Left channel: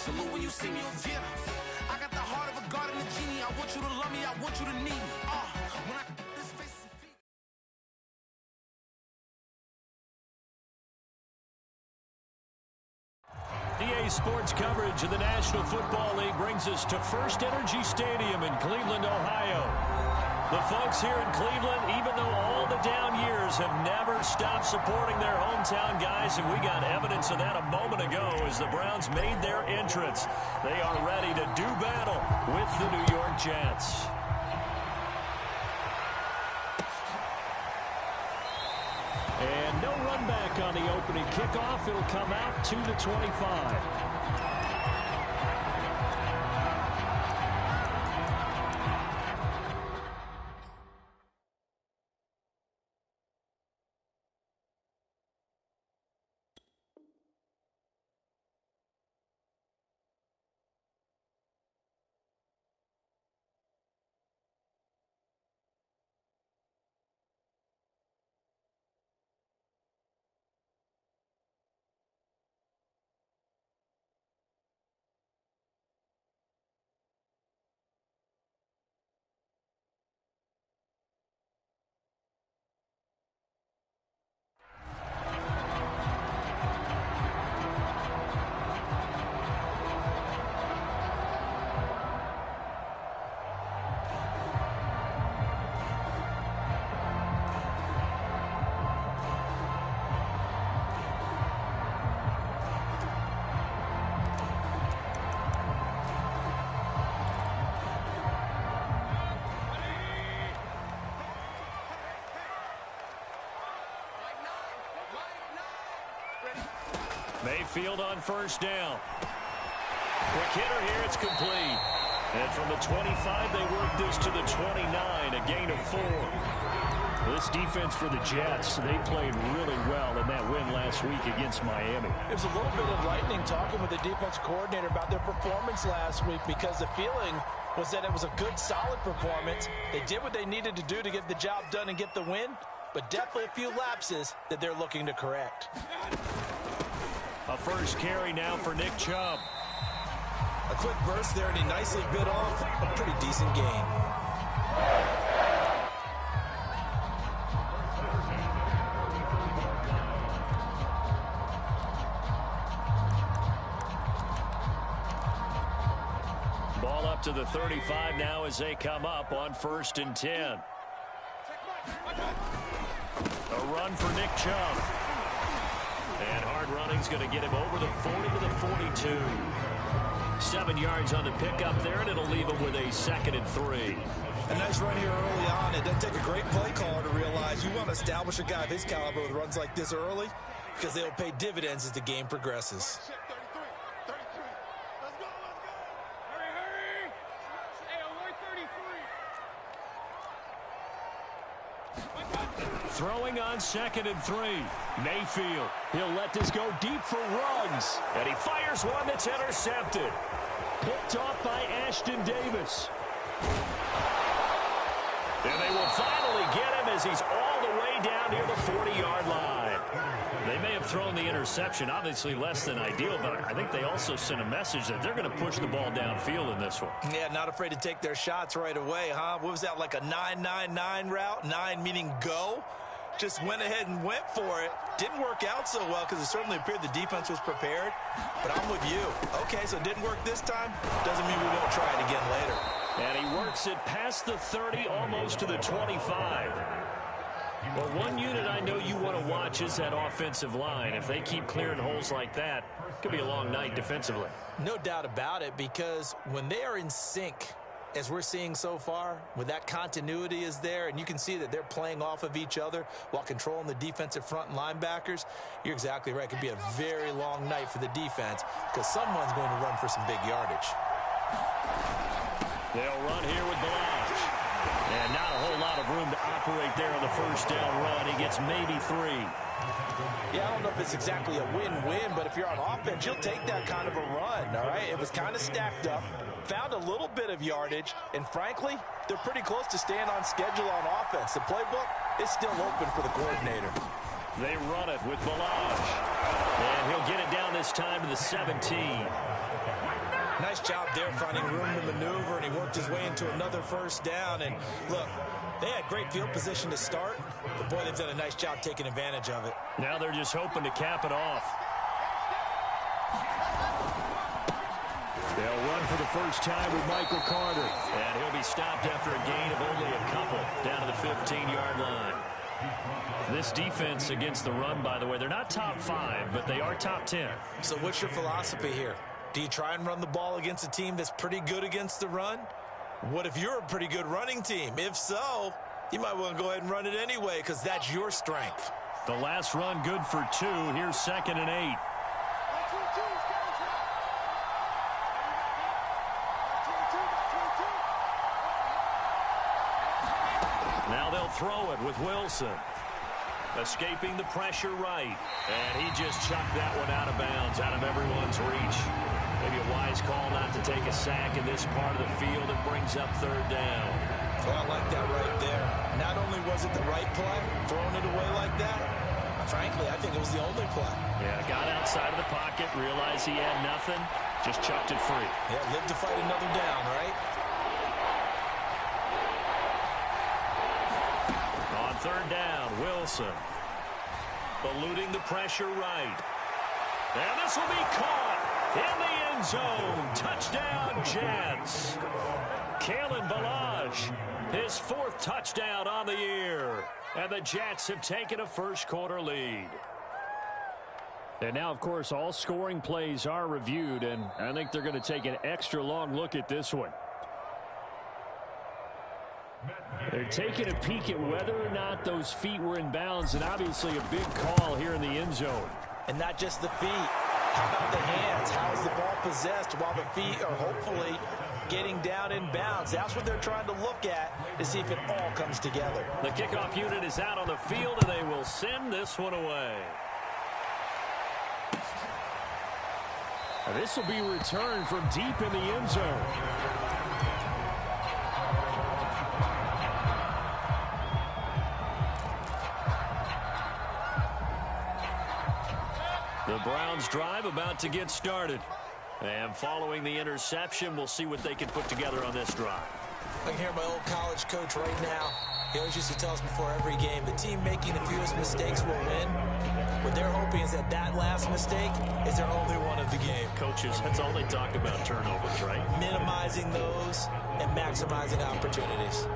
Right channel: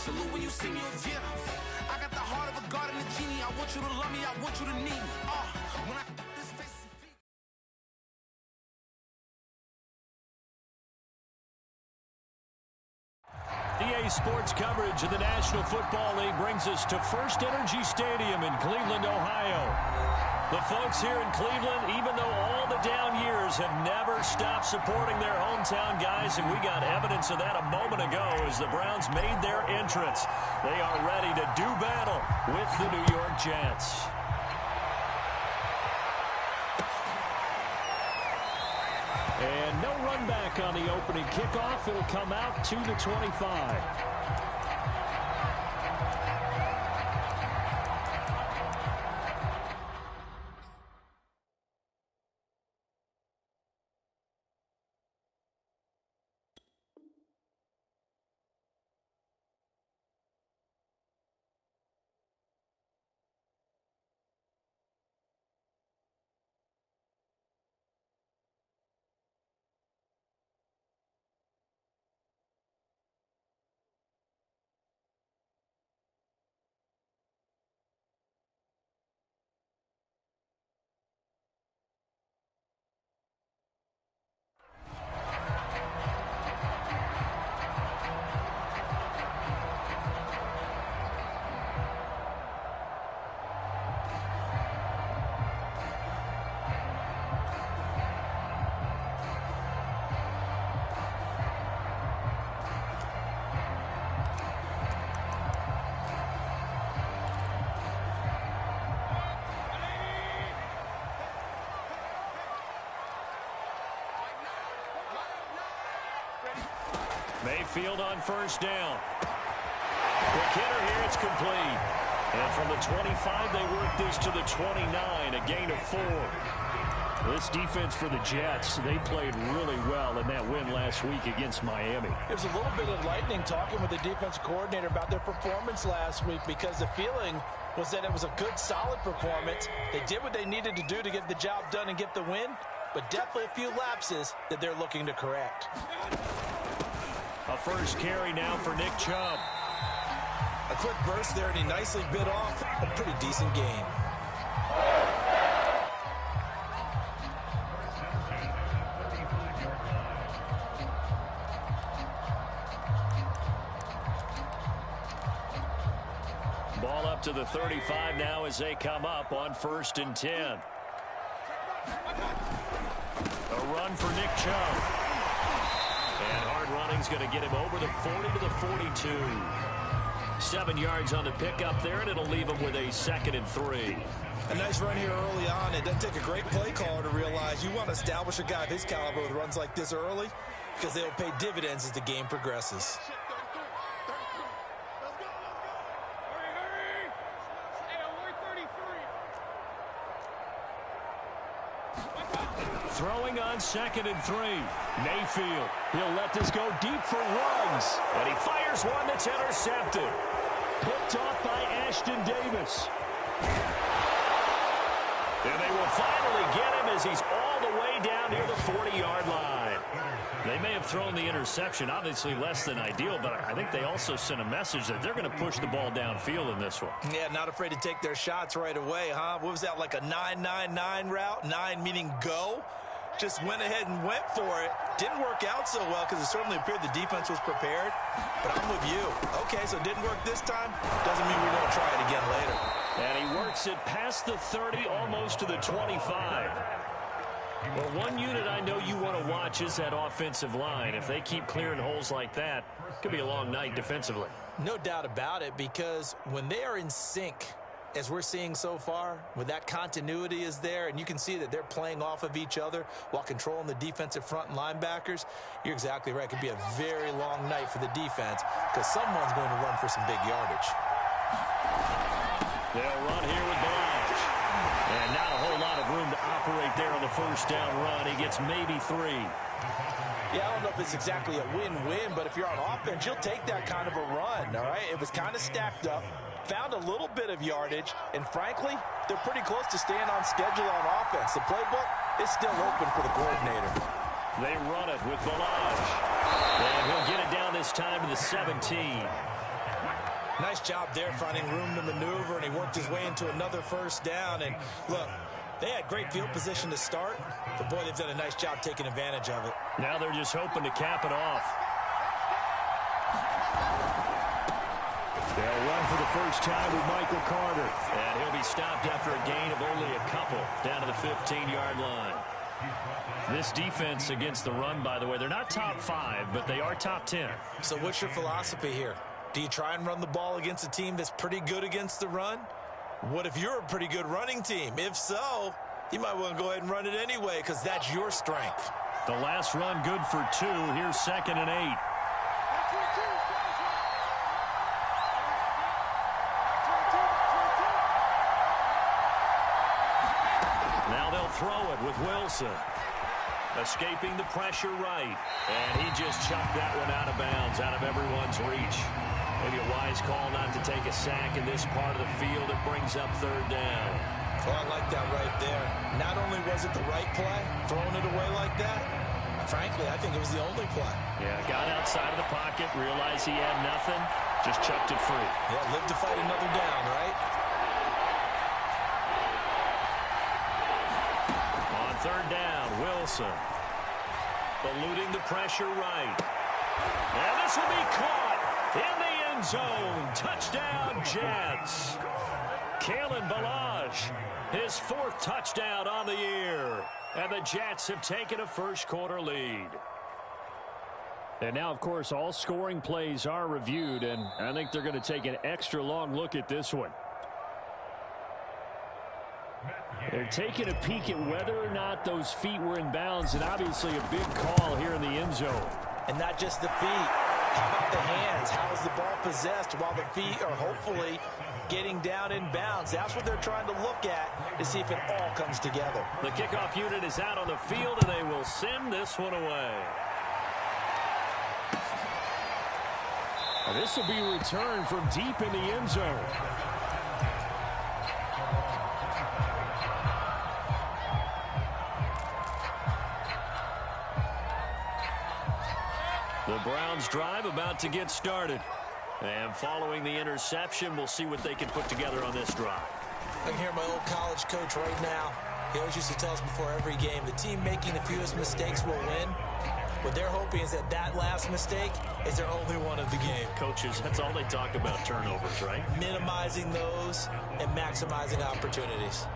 Salute when you see me, yeah. I got the heart of a god and a genie. I want you to love me, I want you to need me. When I this face and feet. EA Sports coverage of the National Football League brings us to First Energy Stadium in Cleveland, Ohio. The folks here in Cleveland, even though all the down years, have never stopped supporting their hometown guys, and we got evidence of that a moment ago as the Browns made their entrance. They are ready to do battle with the New York Jets. And no run back on the opening kickoff. It'll come out to the 25. Mayfield on first down. Quick hitter here, it's complete. And from the 25, they work this to the 29, a gain of 4. This defense for the Jets, they played really well in that win last week against Miami. There's a little bit of lightning talking with the defense coordinator about their performance last week, because the feeling was that it was a good, solid performance. They did what they needed to do to get the job done and get the win, but definitely a few lapses that they're looking to correct. A first carry now for Nick Chubb. A quick burst there, and he nicely bit off a pretty decent gain. Ball up to the 35 now as they come up on 1st and 10. A run for Nick Chubb. And hard running's going to get him over the 40 to the 42. 7 yards on the pickup there, and it'll leave him with a 2nd and 3. A nice run here early on. It doesn't take a great play caller to realize you want to establish a guy of his caliber with runs like this early, because they'll pay dividends as the game progresses. Throwing on 2nd and 3. Mayfield. He'll let this go deep for Ruggs. And he fires one that's intercepted. Picked off by Ashton Davis. And they will finally get him as he's all the way down near the 40-yard line. They may have thrown the interception, obviously less than ideal, but I think they also sent a message that they're going to push the ball downfield in this one. Yeah, not afraid to take their shots right away, huh? What was that, like a 9-9-9 route? 9 meaning go? Just went ahead and went for it. Didn't work out so well because it certainly appeared the defense was prepared. But I'm with you. Okay, so it didn't work this time. Doesn't mean we won't try it again later. And he works it past the 30, almost to the 25. Well, one unit I know you want to watch is that offensive line. If they keep clearing holes like that, it could be a long night defensively. No doubt about it, because when they are in sync, as we're seeing so far, when that continuity is there and you can see that they're playing off of each other while controlling the defensive front and linebackers, you're exactly right. It could be a very long night for the defense because someone's going to run for some big yardage. They'll run here with Blanche. And not a whole lot of room to operate there on the first down run. He gets maybe 3. Yeah, I don't know if it's exactly a win-win, but if you're on offense, you'll take that kind of a run, all right? It was kind of stacked up. Found a little bit of yardage, and frankly, they're pretty close to staying on schedule on offense. The playbook is still open for the coordinator. They run it with Balaj. And he'll get it down this time to the 17. Nice job there finding room to maneuver, and he worked his way into another first down. And look, they had great field position to start, but boy, they've done a nice job taking advantage of it. Now they're just hoping to cap it off. They'll run for the first time with Michael Carter. And he'll be stopped after a gain of only a couple down to the 15-yard line. This defense against the run, by the way, they're not top 5, but they are top 10. So what's your philosophy here? Do you try and run the ball against a team that's pretty good against the run? What if you're a pretty good running team? If so, you might want to go ahead and run it anyway because that's your strength. The last run good for 2. Here's 2nd and 8. Now they'll throw it with Wilson. Escaping the pressure right. And he just chucked that one out of bounds, out of everyone's reach. Maybe a wise call not to take a sack in this part of the field. It brings up 3rd down. Oh, I like that right there. Not only was it the right play, throwing it away like that, frankly, I think it was the only play. Yeah, got outside of the pocket, realized he had nothing, just chucked it free. Yeah, live to fight another down, right? On 3rd down, Wilson. Eluding the pressure right. And this will be caught in the end zone. Touchdown, Jets. Kalen Ballage, his 4th touchdown on the year. And the Jets have taken a first-quarter lead. And now, of course, all scoring plays are reviewed, and I think they're going to take an extra long look at this one. They're taking a peek at whether or not those feet were in bounds, and obviously a big call here in the end zone. And not just the feet. How about the hands? How is the ball possessed while the feet are hopefully getting down in bounds? That's what they're trying to look at to see if it all comes together. The kickoff unit is out on the field, and they will send this one away. This will be returned from deep in the end zone. The Browns drive about to get started. And following the interception, we'll see what they can put together on this drive. I can hear my old college coach right now. He always used to tell us before every game, the team making the fewest mistakes will win. What they're hoping is that that last mistake is their only one of the game. Coaches, that's all they talk about, turnovers, right? Minimizing those and maximizing opportunities.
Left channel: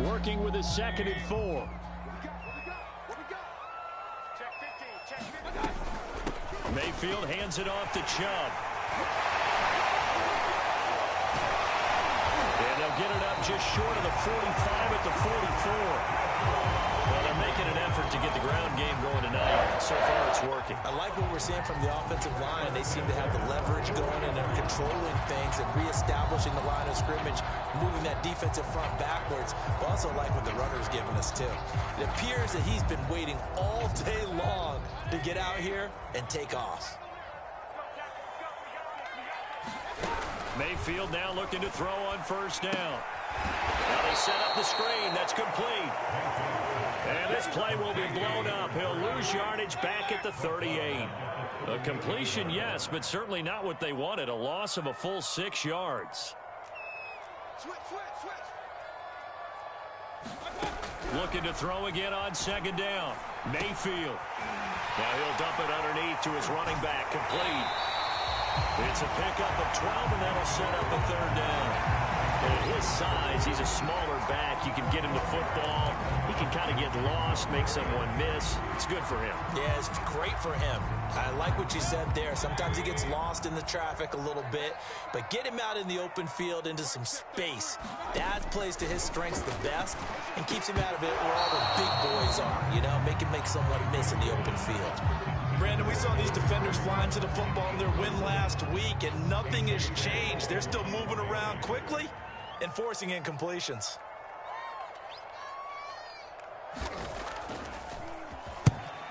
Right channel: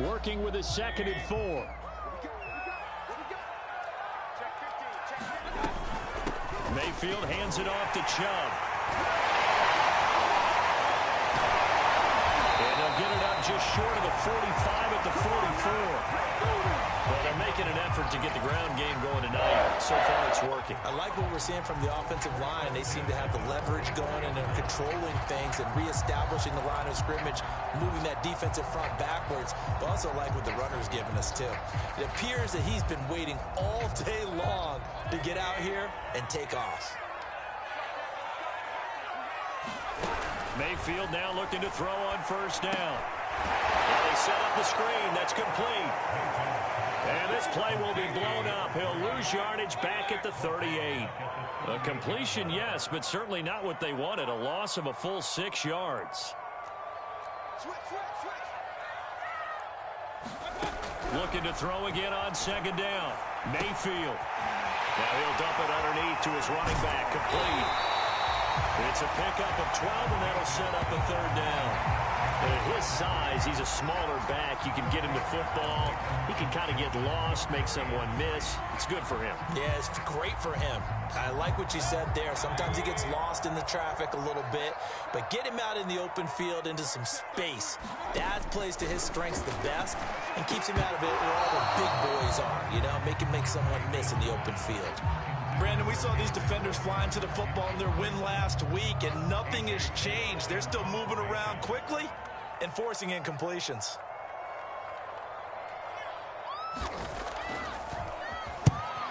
Working with a 2nd and 4. Mayfield hands it off to Chubb. And they'll get it up just short of the 45 at the 44. Well, they're making an effort to get the ground game going tonight. So far, it's working. I like what we're seeing from the offensive line. They seem to have the leverage going and they're controlling things and reestablishing the line of scrimmage, moving that defensive front backwards. But also like what the runner's giving us, too. It appears that he's been waiting all day long to get out here and take off. Mayfield now looking to throw on 1st down. Now they set up the screen. That's complete. And this play will be blown up. He'll lose yardage back at the 38. A completion, yes, but certainly not what they wanted. A loss of a full 6 yards. Looking to throw again on 2nd down. Mayfield. Now he'll dump it underneath to his running back. Complete. It's a pickup of 12, and that'll set up a 3rd down. And at his size, he's a smaller back. You can get him the football. He can kind of get lost, make someone miss. It's good for him. Yeah, it's great for him. I like what you said there. Sometimes he gets lost in the traffic a little bit, but get him out in the open field into some space. That plays to his strengths the best and keeps him out of it where all the big boys are, you know, make someone miss in the open field. Brandon, we saw these defenders flying to the football in their win last week, and nothing has changed. They're still moving around quickly and forcing incompletions.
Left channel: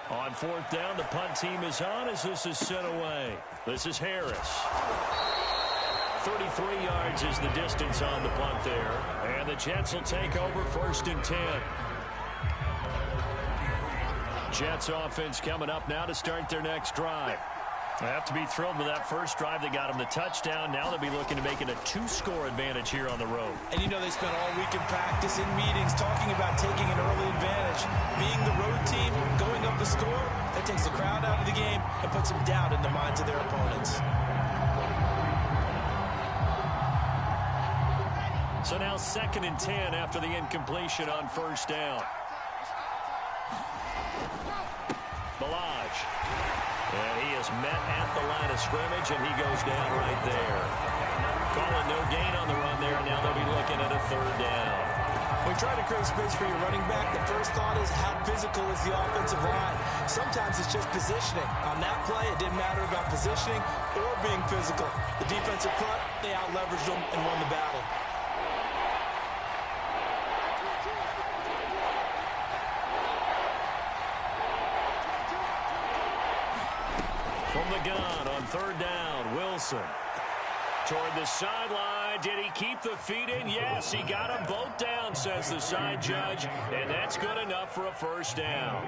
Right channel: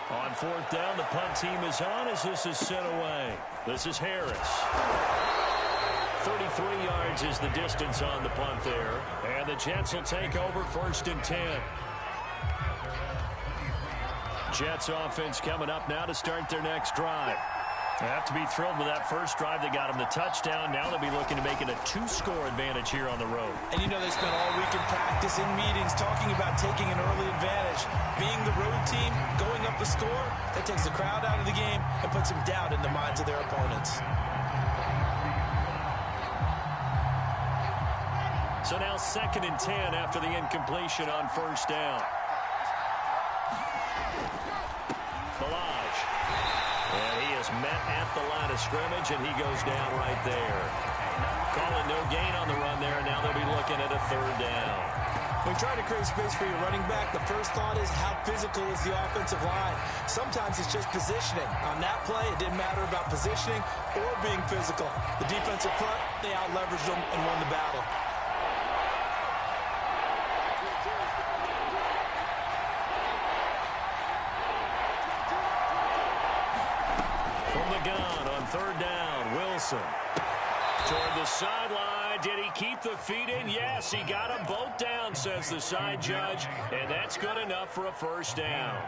On 4th down, the punt team is on as this is sent away. This is Harris. 33 yards is the distance on the punt there. And the Jets will take over 1st and 10. Jets offense coming up now to start their next drive. They have to be thrilled with that first drive that got them the touchdown. Now they'll be looking to make it a 2-score advantage here on the road. And you know they spent all week in practice, in meetings, talking about taking an early advantage. Being the road team, going up a score, that takes the crowd out of the game and puts some doubt in the minds of their opponents. So now 2nd and 10 after the incompletion on first down. Balaj. And he is met at the line of scrimmage, and he goes down right there. Calling no gain on the run there, and now they'll be looking at a 3rd down. When you try to create space for your running back, the first thought is how physical is the offensive line. Sometimes it's just positioning. On that play, it didn't matter about positioning or being physical. The defensive front, they out-leveraged them and won the battle. From the gun on 3rd down, Wilson. Toward the sideline. Did he keep the feet in? Yes, he got them both down, says the side judge. And that's good enough for a 1st down.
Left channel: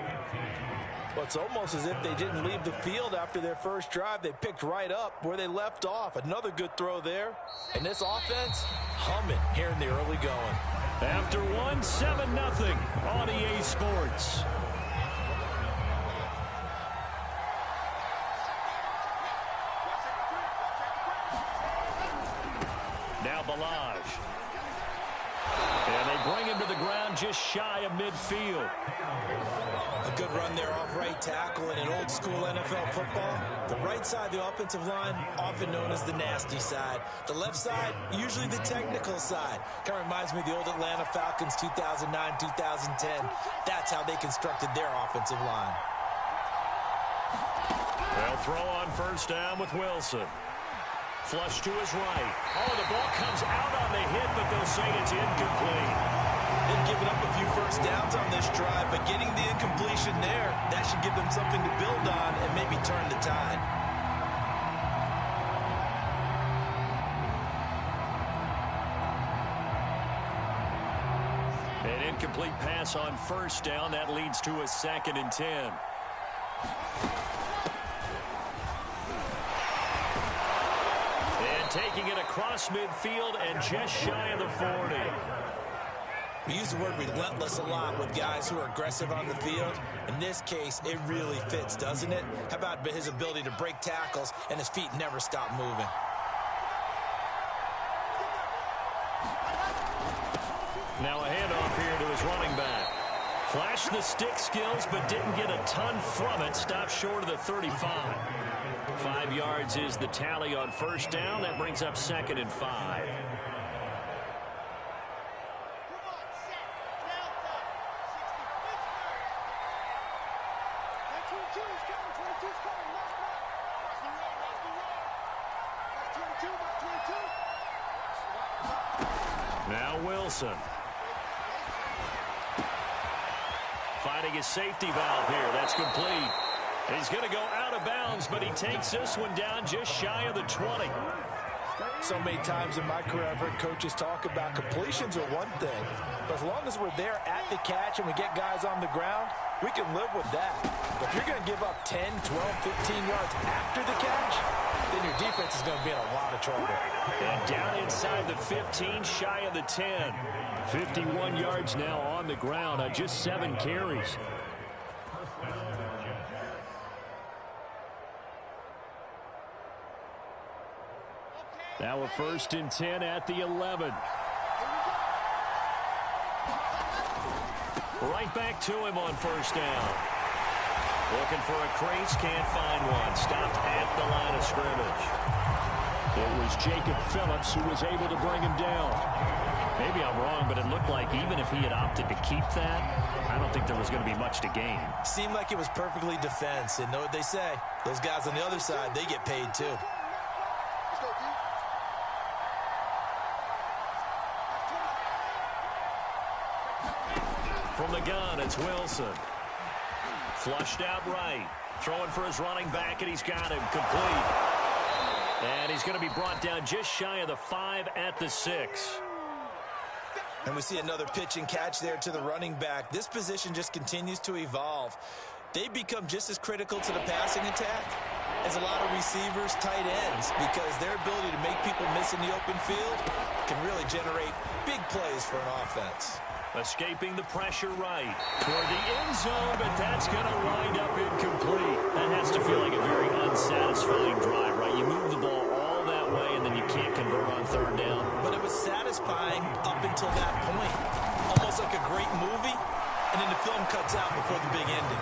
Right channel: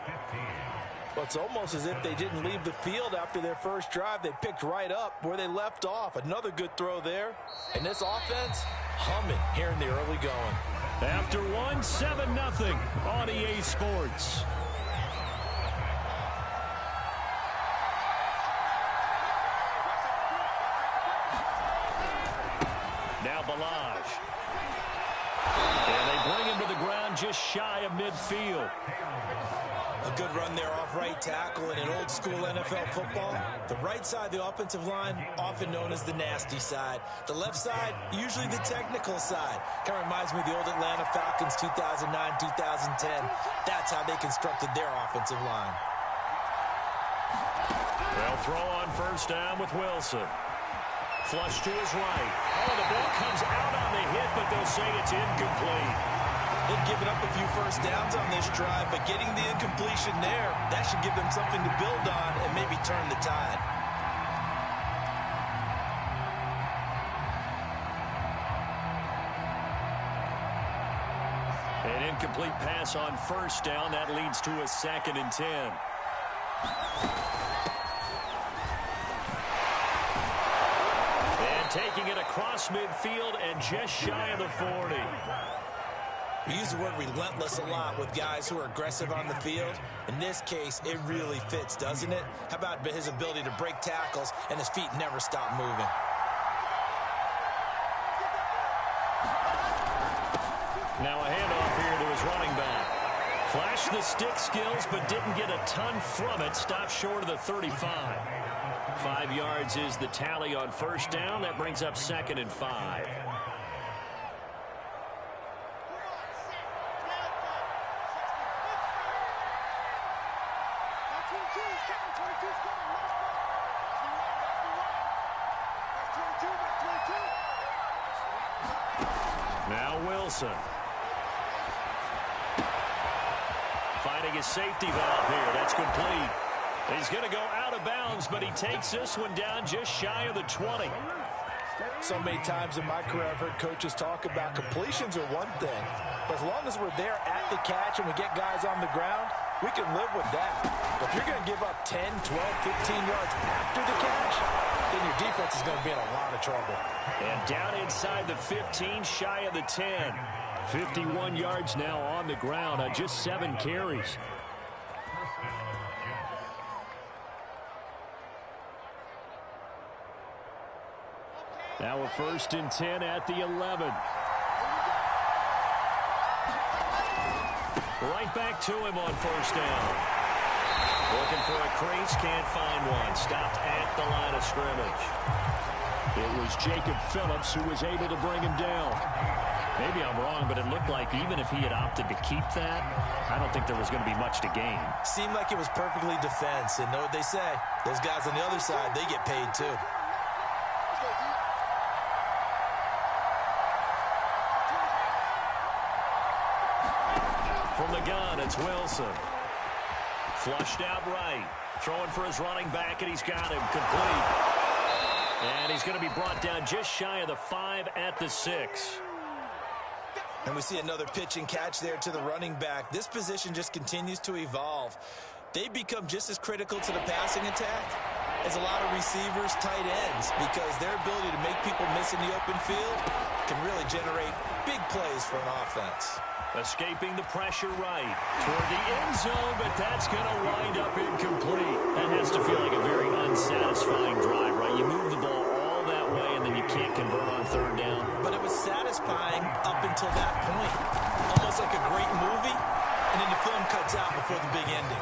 Well, it's almost as if they didn't leave the field after their first drive. They picked right up where they left off. Another good throw there. And this offense, humming here in the early going. After 1, 7-0 on EA Sports. Now Balaj. And they bring him to the ground just shy of midfield. A good run there off right tackle in an old school NFL football. The right side of the offensive line, often known as the nasty side. The left side, usually the technical side. Kind of reminds me of the old Atlanta Falcons 2009-2010. That's how they constructed their offensive line. They'll throw on 1st down with Wilson. Flush to his right. Oh, the ball comes out on the hit, but they'll say it's incomplete. They've given up a few first downs on this drive, but getting the incompletion there, that should give them something to build on and maybe turn the tide. An incomplete pass on 1st down. That leads to a 2nd and 10. And taking it across midfield and just shy of the 40. We use the word relentless a lot with guys who are aggressive on the field. In this case, it really fits, doesn't it? How about his ability to break tackles and his feet never stop moving? Now a handoff here to his running back. Flashed the stick skills, but didn't get a ton from it. Stopped short of the 35. 5 yards is the tally on 1st down. That brings up 2nd and 5. Now Wilson. Finding his safety valve here. That's complete. He's going to go out of bounds, but he takes this one down just shy of the 20. So many times in my career, I've heard coaches talk about completions are one thing, but as long as we're there at the catch and we get guys on the ground, we can live with that. But if you're going to give up 10, 12, 15 yards after the catch, then your defense is going to be in a lot of trouble. And down inside the 15, shy of the 10. 51 yards now on the ground on just 7 carries. Now a 1st and 10 at the 11. Right back to him on 1st down. Looking for a crease, can't find one. Stopped at the line of scrimmage. It was Jacob Phillips who was able to bring him down. Maybe I'm wrong, but it looked like even if he had opted to keep that, I don't think there was going to be much to gain. Seemed like it was perfectly defense. And know what they say? Those guys on the other side, they get paid too. From the gun, it's Wilson. Flushed out right. Throwing for his running back, and he's got him complete. And he's going to be brought down just shy of the 5 at the 6. And we see another pitch and catch there to the running back. This position just continues to evolve. they become just as critical to the passing attack as a lot of receivers, tight ends, because their ability to make people miss in the open field can really generate big plays for an offense. Escaping the pressure right toward the end zone, but that's going to wind up incomplete. That has to feel like a very unsatisfying drive, right? You move the ball all that way, and then you can't convert on third down. But it was satisfying up until that point. Almost like a great movie, and then the film cuts out before the big ending.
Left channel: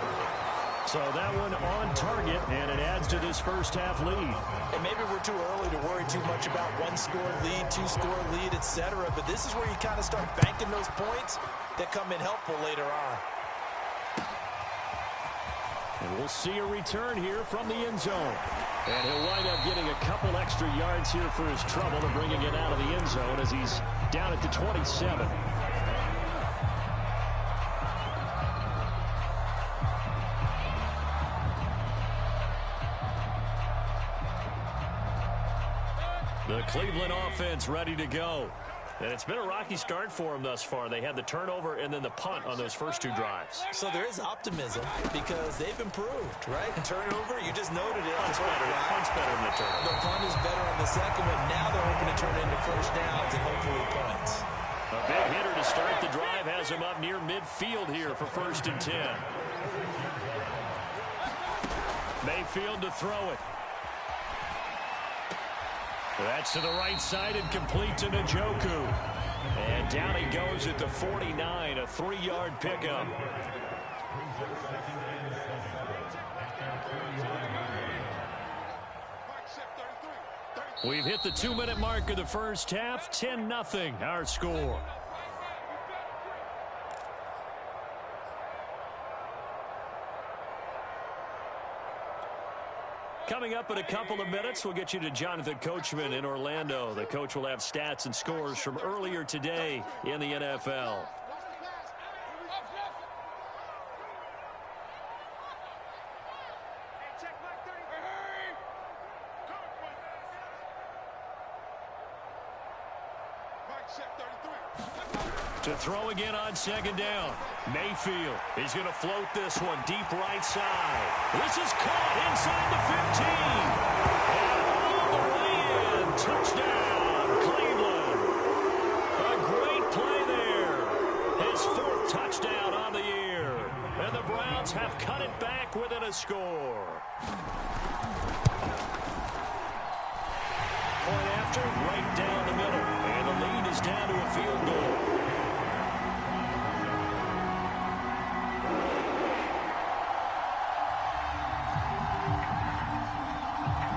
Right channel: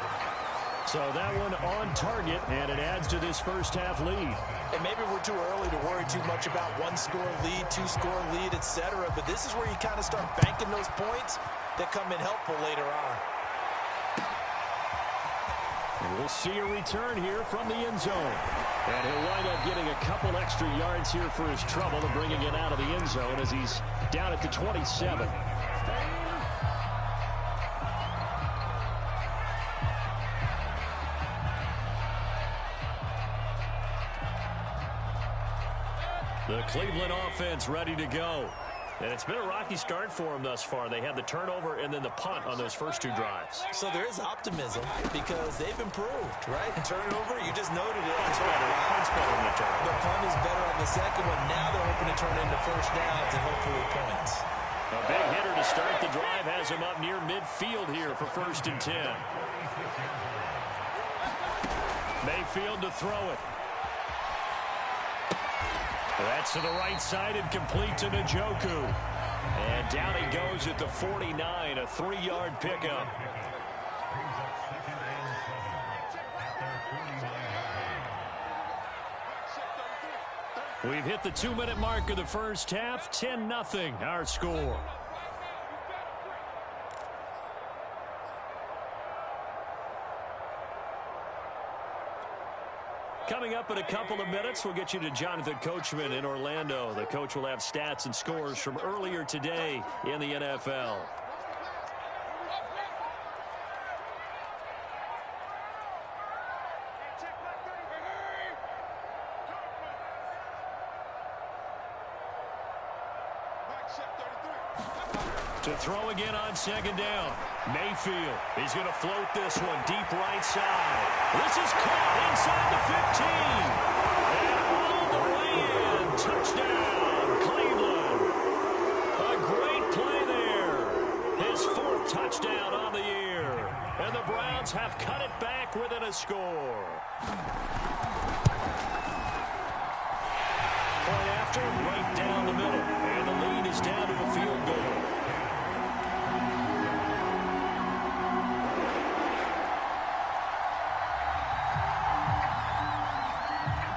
So that one on target, and it adds to this first half lead. And maybe we're too early to worry too much about one-score lead, two-score lead, etc. But this is where you kind of start banking those points that come in helpful later on. And we'll see a return here from the end zone. And he'll wind up getting a couple extra yards here for his trouble and bringing it out of the end zone as he's down at the 27. The Cleveland offense ready to go. And it's been a rocky start for them thus far. They had the turnover and then the punt on those first two drives. So there is optimism because they've improved, right? Turnover, you just noted it. Punt's better than the turnover. The punt is better on the second one. Now they're hoping to turn into first downs and hopefully points. A big hitter to start the drive has him up near midfield here for 1st and 10. Mayfield to throw it. That's to the right side and complete to Njoku. And down he goes at the 49, a 3-yard pickup. We've hit the 2-minute mark of the first half, 10-0 our score. Coming up in a couple of minutes, we'll get you to Jonathan Coachman in Orlando. The coach will have stats and scores from earlier today in the NFL. To throw again on 2nd down. Mayfield. He's going to float this one deep right side. This is caught inside the 15. And all the way in. Touchdown, Cleveland. A great play there. His 4th touchdown on the year. And the Browns have cut it back within a score. Point after, right down the middle. And the lead is down to a field goal.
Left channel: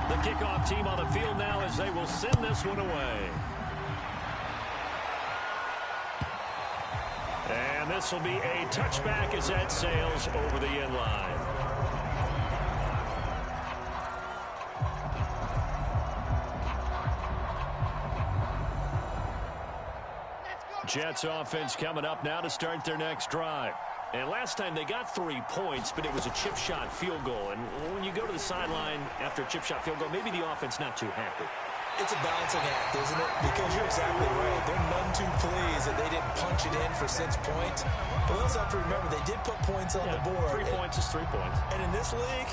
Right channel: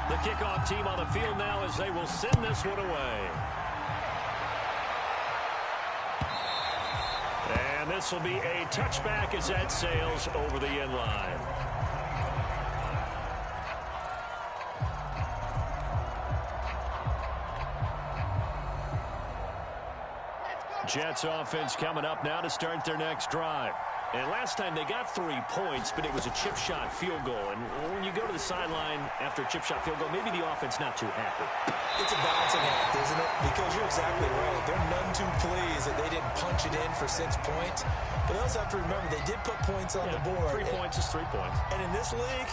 The kickoff team on the field now as they will send this one away. And this will be a touchback as that sails over the end line. Jets offense coming up now to start their next drive. And last time they got 3 points, but it was a chip shot field goal. And when you go to the sideline after a chip shot field goal, maybe the offense not too happy. It's a balancing act, isn't it? Because you're exactly right. They're none too pleased that they didn't punch it in for 6 points. But they also have to remember they did put points on the board. 3 points is 3 points. And in this league,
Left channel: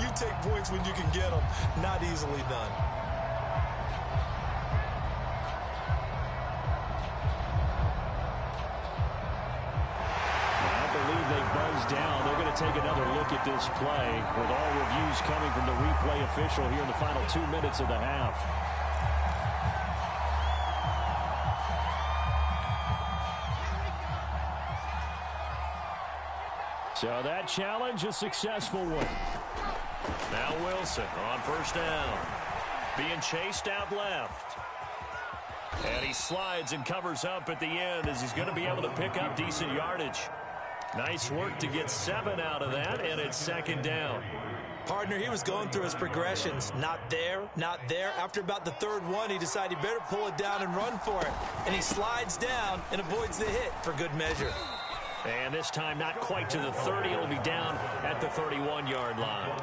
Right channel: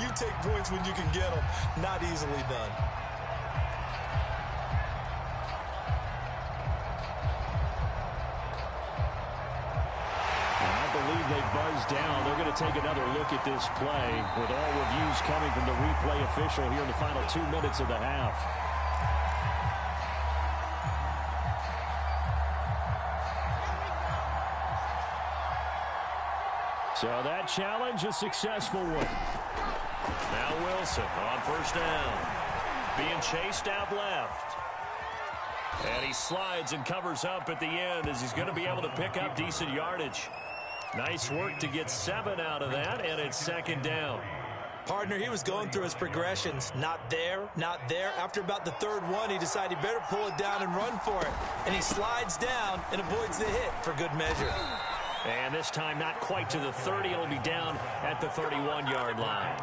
you take points when you can get them. Not easily done. I believe they buzzed down. They're going to take another look at this play with all reviews coming from the replay official here in the final 2 minutes of the half. So that challenge, a successful one. Now Wilson on 1st down. Being chased out left. And he slides and covers up at the end as he's going to be able to pick up decent yardage. Nice work to get 7 out of that, and it's 2nd down. Partner, he was going through his progressions. Not there, not there. After about the 3rd one, he decided he better pull it down and run for it. And he slides down and avoids the hit for good measure. And this time not quite to the 30. It'll be down at the 31-yard line.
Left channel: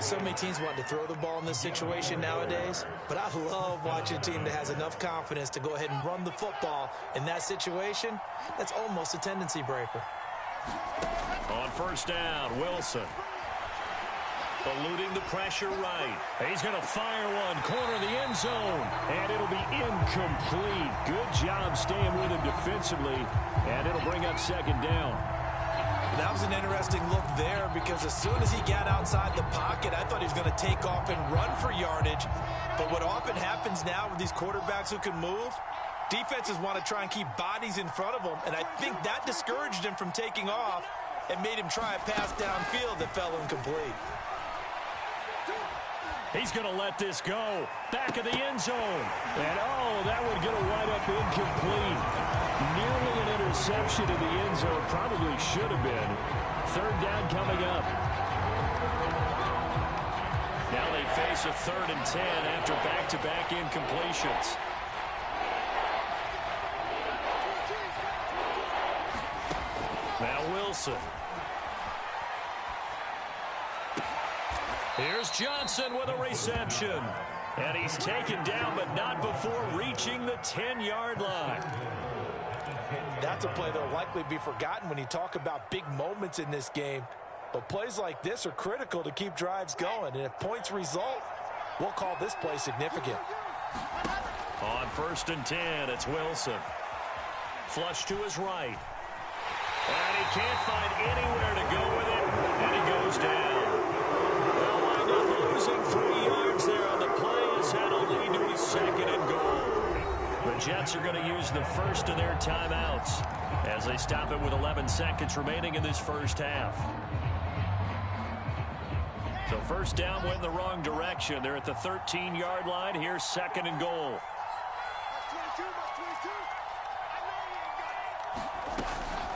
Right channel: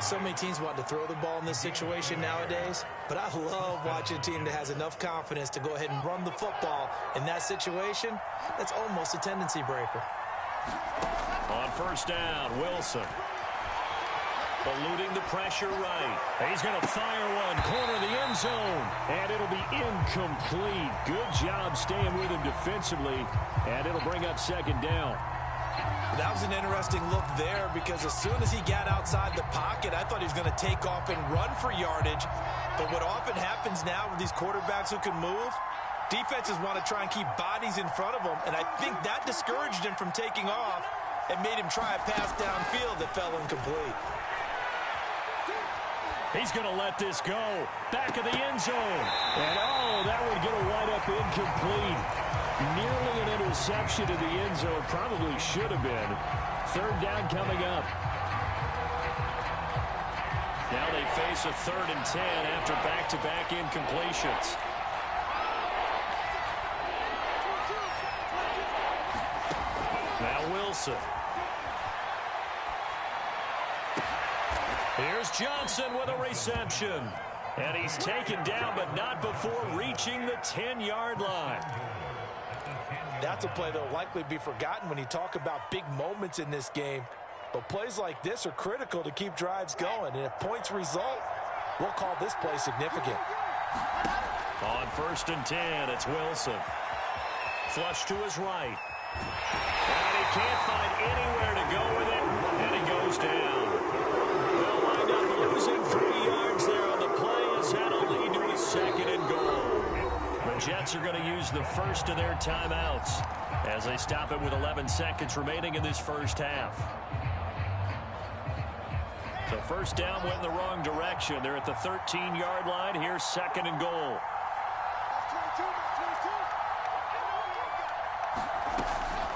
So many teams want to throw the ball in this situation nowadays, but I love watching a team that has enough confidence to go ahead and run the football in that situation. That's almost a tendency breaker. On first down, Wilson. Eluding the pressure right. He's going to fire one, corner of the end zone. And it'll be incomplete. Good job staying with him defensively. And it'll bring up second down. That was an interesting look there because as soon as he got outside the pocket, I thought he was going to take off and run for yardage. But what often happens now with these quarterbacks who can move, defenses want to try and keep bodies in front of them. And I think that discouraged him from taking off and made him try a pass downfield that fell incomplete. He's going to let this go. Back of the end zone. And, oh, that would get a wide-up incomplete. Nearly an interception in the end zone. Probably should have been. Third down coming up. Now they face a 3rd and 10 after back-to-back incompletions. Now Wilson. Here's Johnson with a reception. And he's taken down, but not before reaching the 10-yard line. That's a play that will likely be forgotten when you talk about big moments in this game. But plays like this are critical to keep drives going. And if points result, we'll call this play significant. On 1st and 10, it's Wilson. Flush to his right. And he can't find anywhere to go with it. And he goes down. They'll wind up losing 3 yards there on the play as that'll lead to a 2nd and goal. The Jets are going to use the first of their timeouts as they stop it with 11 seconds remaining in this first half. So first down went in the wrong direction. They're at the 13-yard line. Here's 2nd and goal.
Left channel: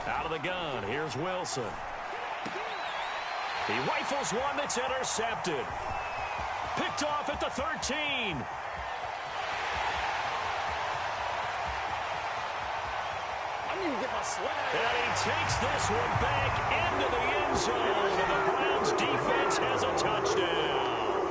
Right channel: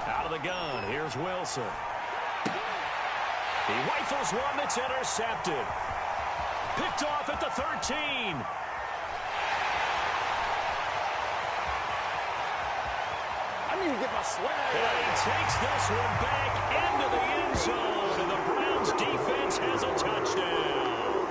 Out of the gun, here's Wilson. He rifles one that's intercepted. Picked off at the 13. I need to get my swag. And he takes this one back into the end zone, and the Browns defense has a touchdown.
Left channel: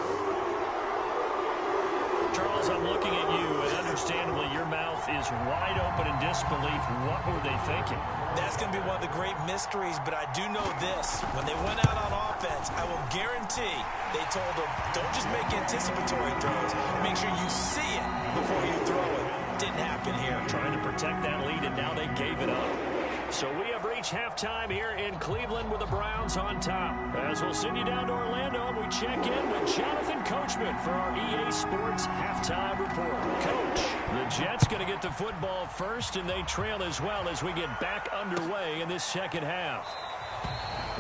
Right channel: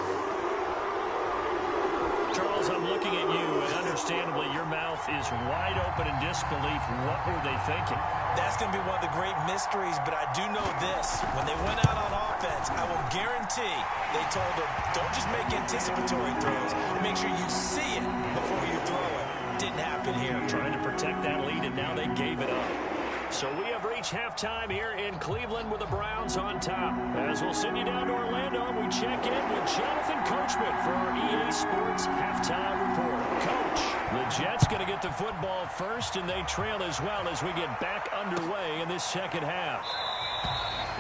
Charles, I'm looking at you, and understandably your mouth is wide open in disbelief. What were they thinking? That's going to be one of the great mysteries, but I do know this. When they went out on offense, I will guarantee they told them, don't just make anticipatory throws. Make sure you see it before you throw it. Didn't happen here. Trying to protect that lead, and now they gave it up. So we have reached halftime here in Cleveland with the Browns on top. As we'll send you down to Orlando, and we check in with Jonathan Coachman for our EA Sports Halftime Report. Coach, the Jets going to get the football first, and they trail as well as we get back underway in this second half.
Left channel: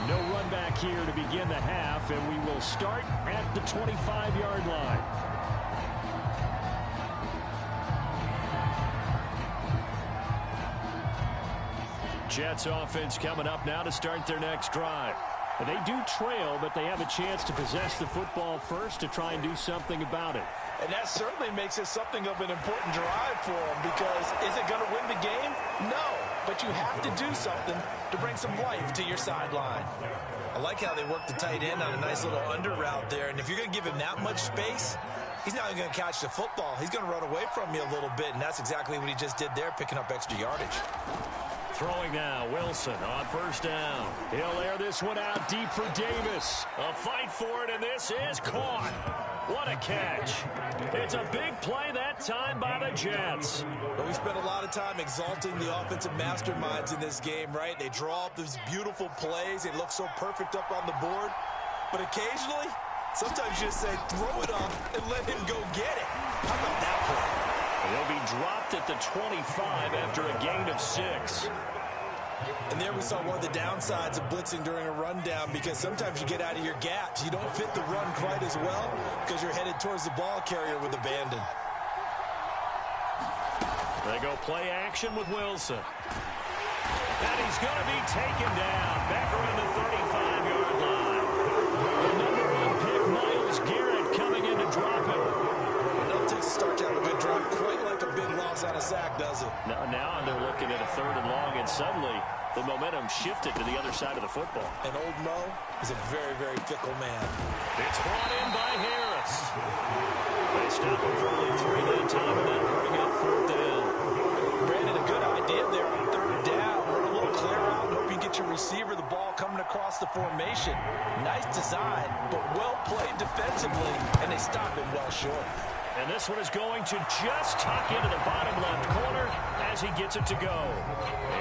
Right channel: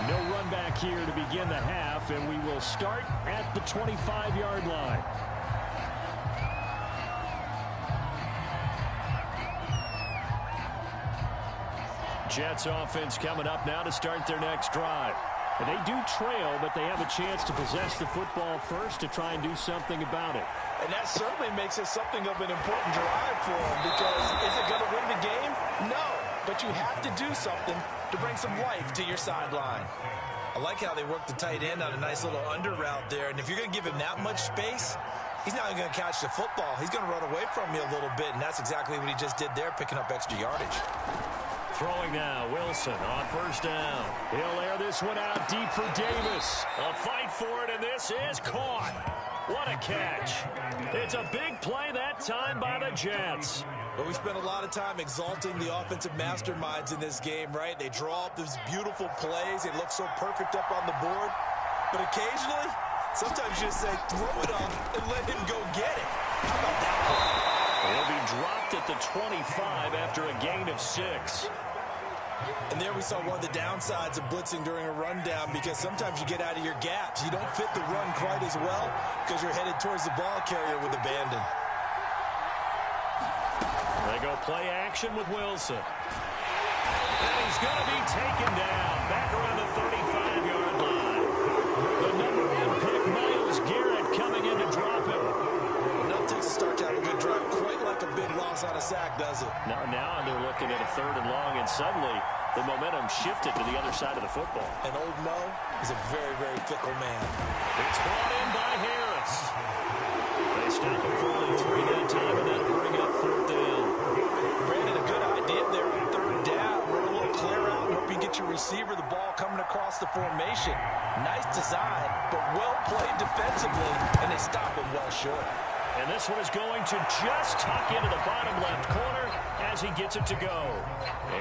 No run back here to begin the half, and we will start at the 25-yard line. Jets offense coming up now to start their next drive. And they do trail, but they have a chance to possess the football first to try and do something about it. And that certainly makes it something of an important drive for them, because is it going to win the game? No, but you have to do something to bring some life to your sideline. I like how they work the tight end on a nice little under route there, and if you're going to give him that much space, he's not going to catch the football. He's going to run away from you a little bit, and that's exactly what he just did there, picking up extra yardage. Throwing now, Wilson on first down. He'll air this one out deep for Davis. A fight for it, and this is caught. What a catch. It's a big play that time by the Jets. But we spent a lot of time exalting the offensive masterminds in this game, right? They draw up these beautiful plays. They look so perfect up on the board. But occasionally, sometimes you just say, throw it up and let him go get it. How about that play? He'll be dropped at the 25 after a gain of 6. And there we saw one of the downsides of blitzing during a rundown, because sometimes you get out of your gaps. You don't fit the run quite as well because you're headed towards the ball carrier with abandon. They go play action with Wilson. And he's going to be taken down back around the 35-yard line. The number 1 pick, Myles Garrett, coming in to drop him. It takes a start to have a good drive, quite like a big loss on a sack, does it? Now they're looking at a 3rd and long, and suddenly the momentum shifted to the other side of the football. And old Mo is a very, very fickle man. It's brought in by Harris. They stop him for only 3 that time, and that'll bring up 4th down. Brandon, a good idea there on 3rd down. Run a little clear out and hope you get your receiver the ball coming across the formation. Nice design, but well played defensively, and they stop him well short. And this one is going to just tuck into the bottom left corner as he gets it to go.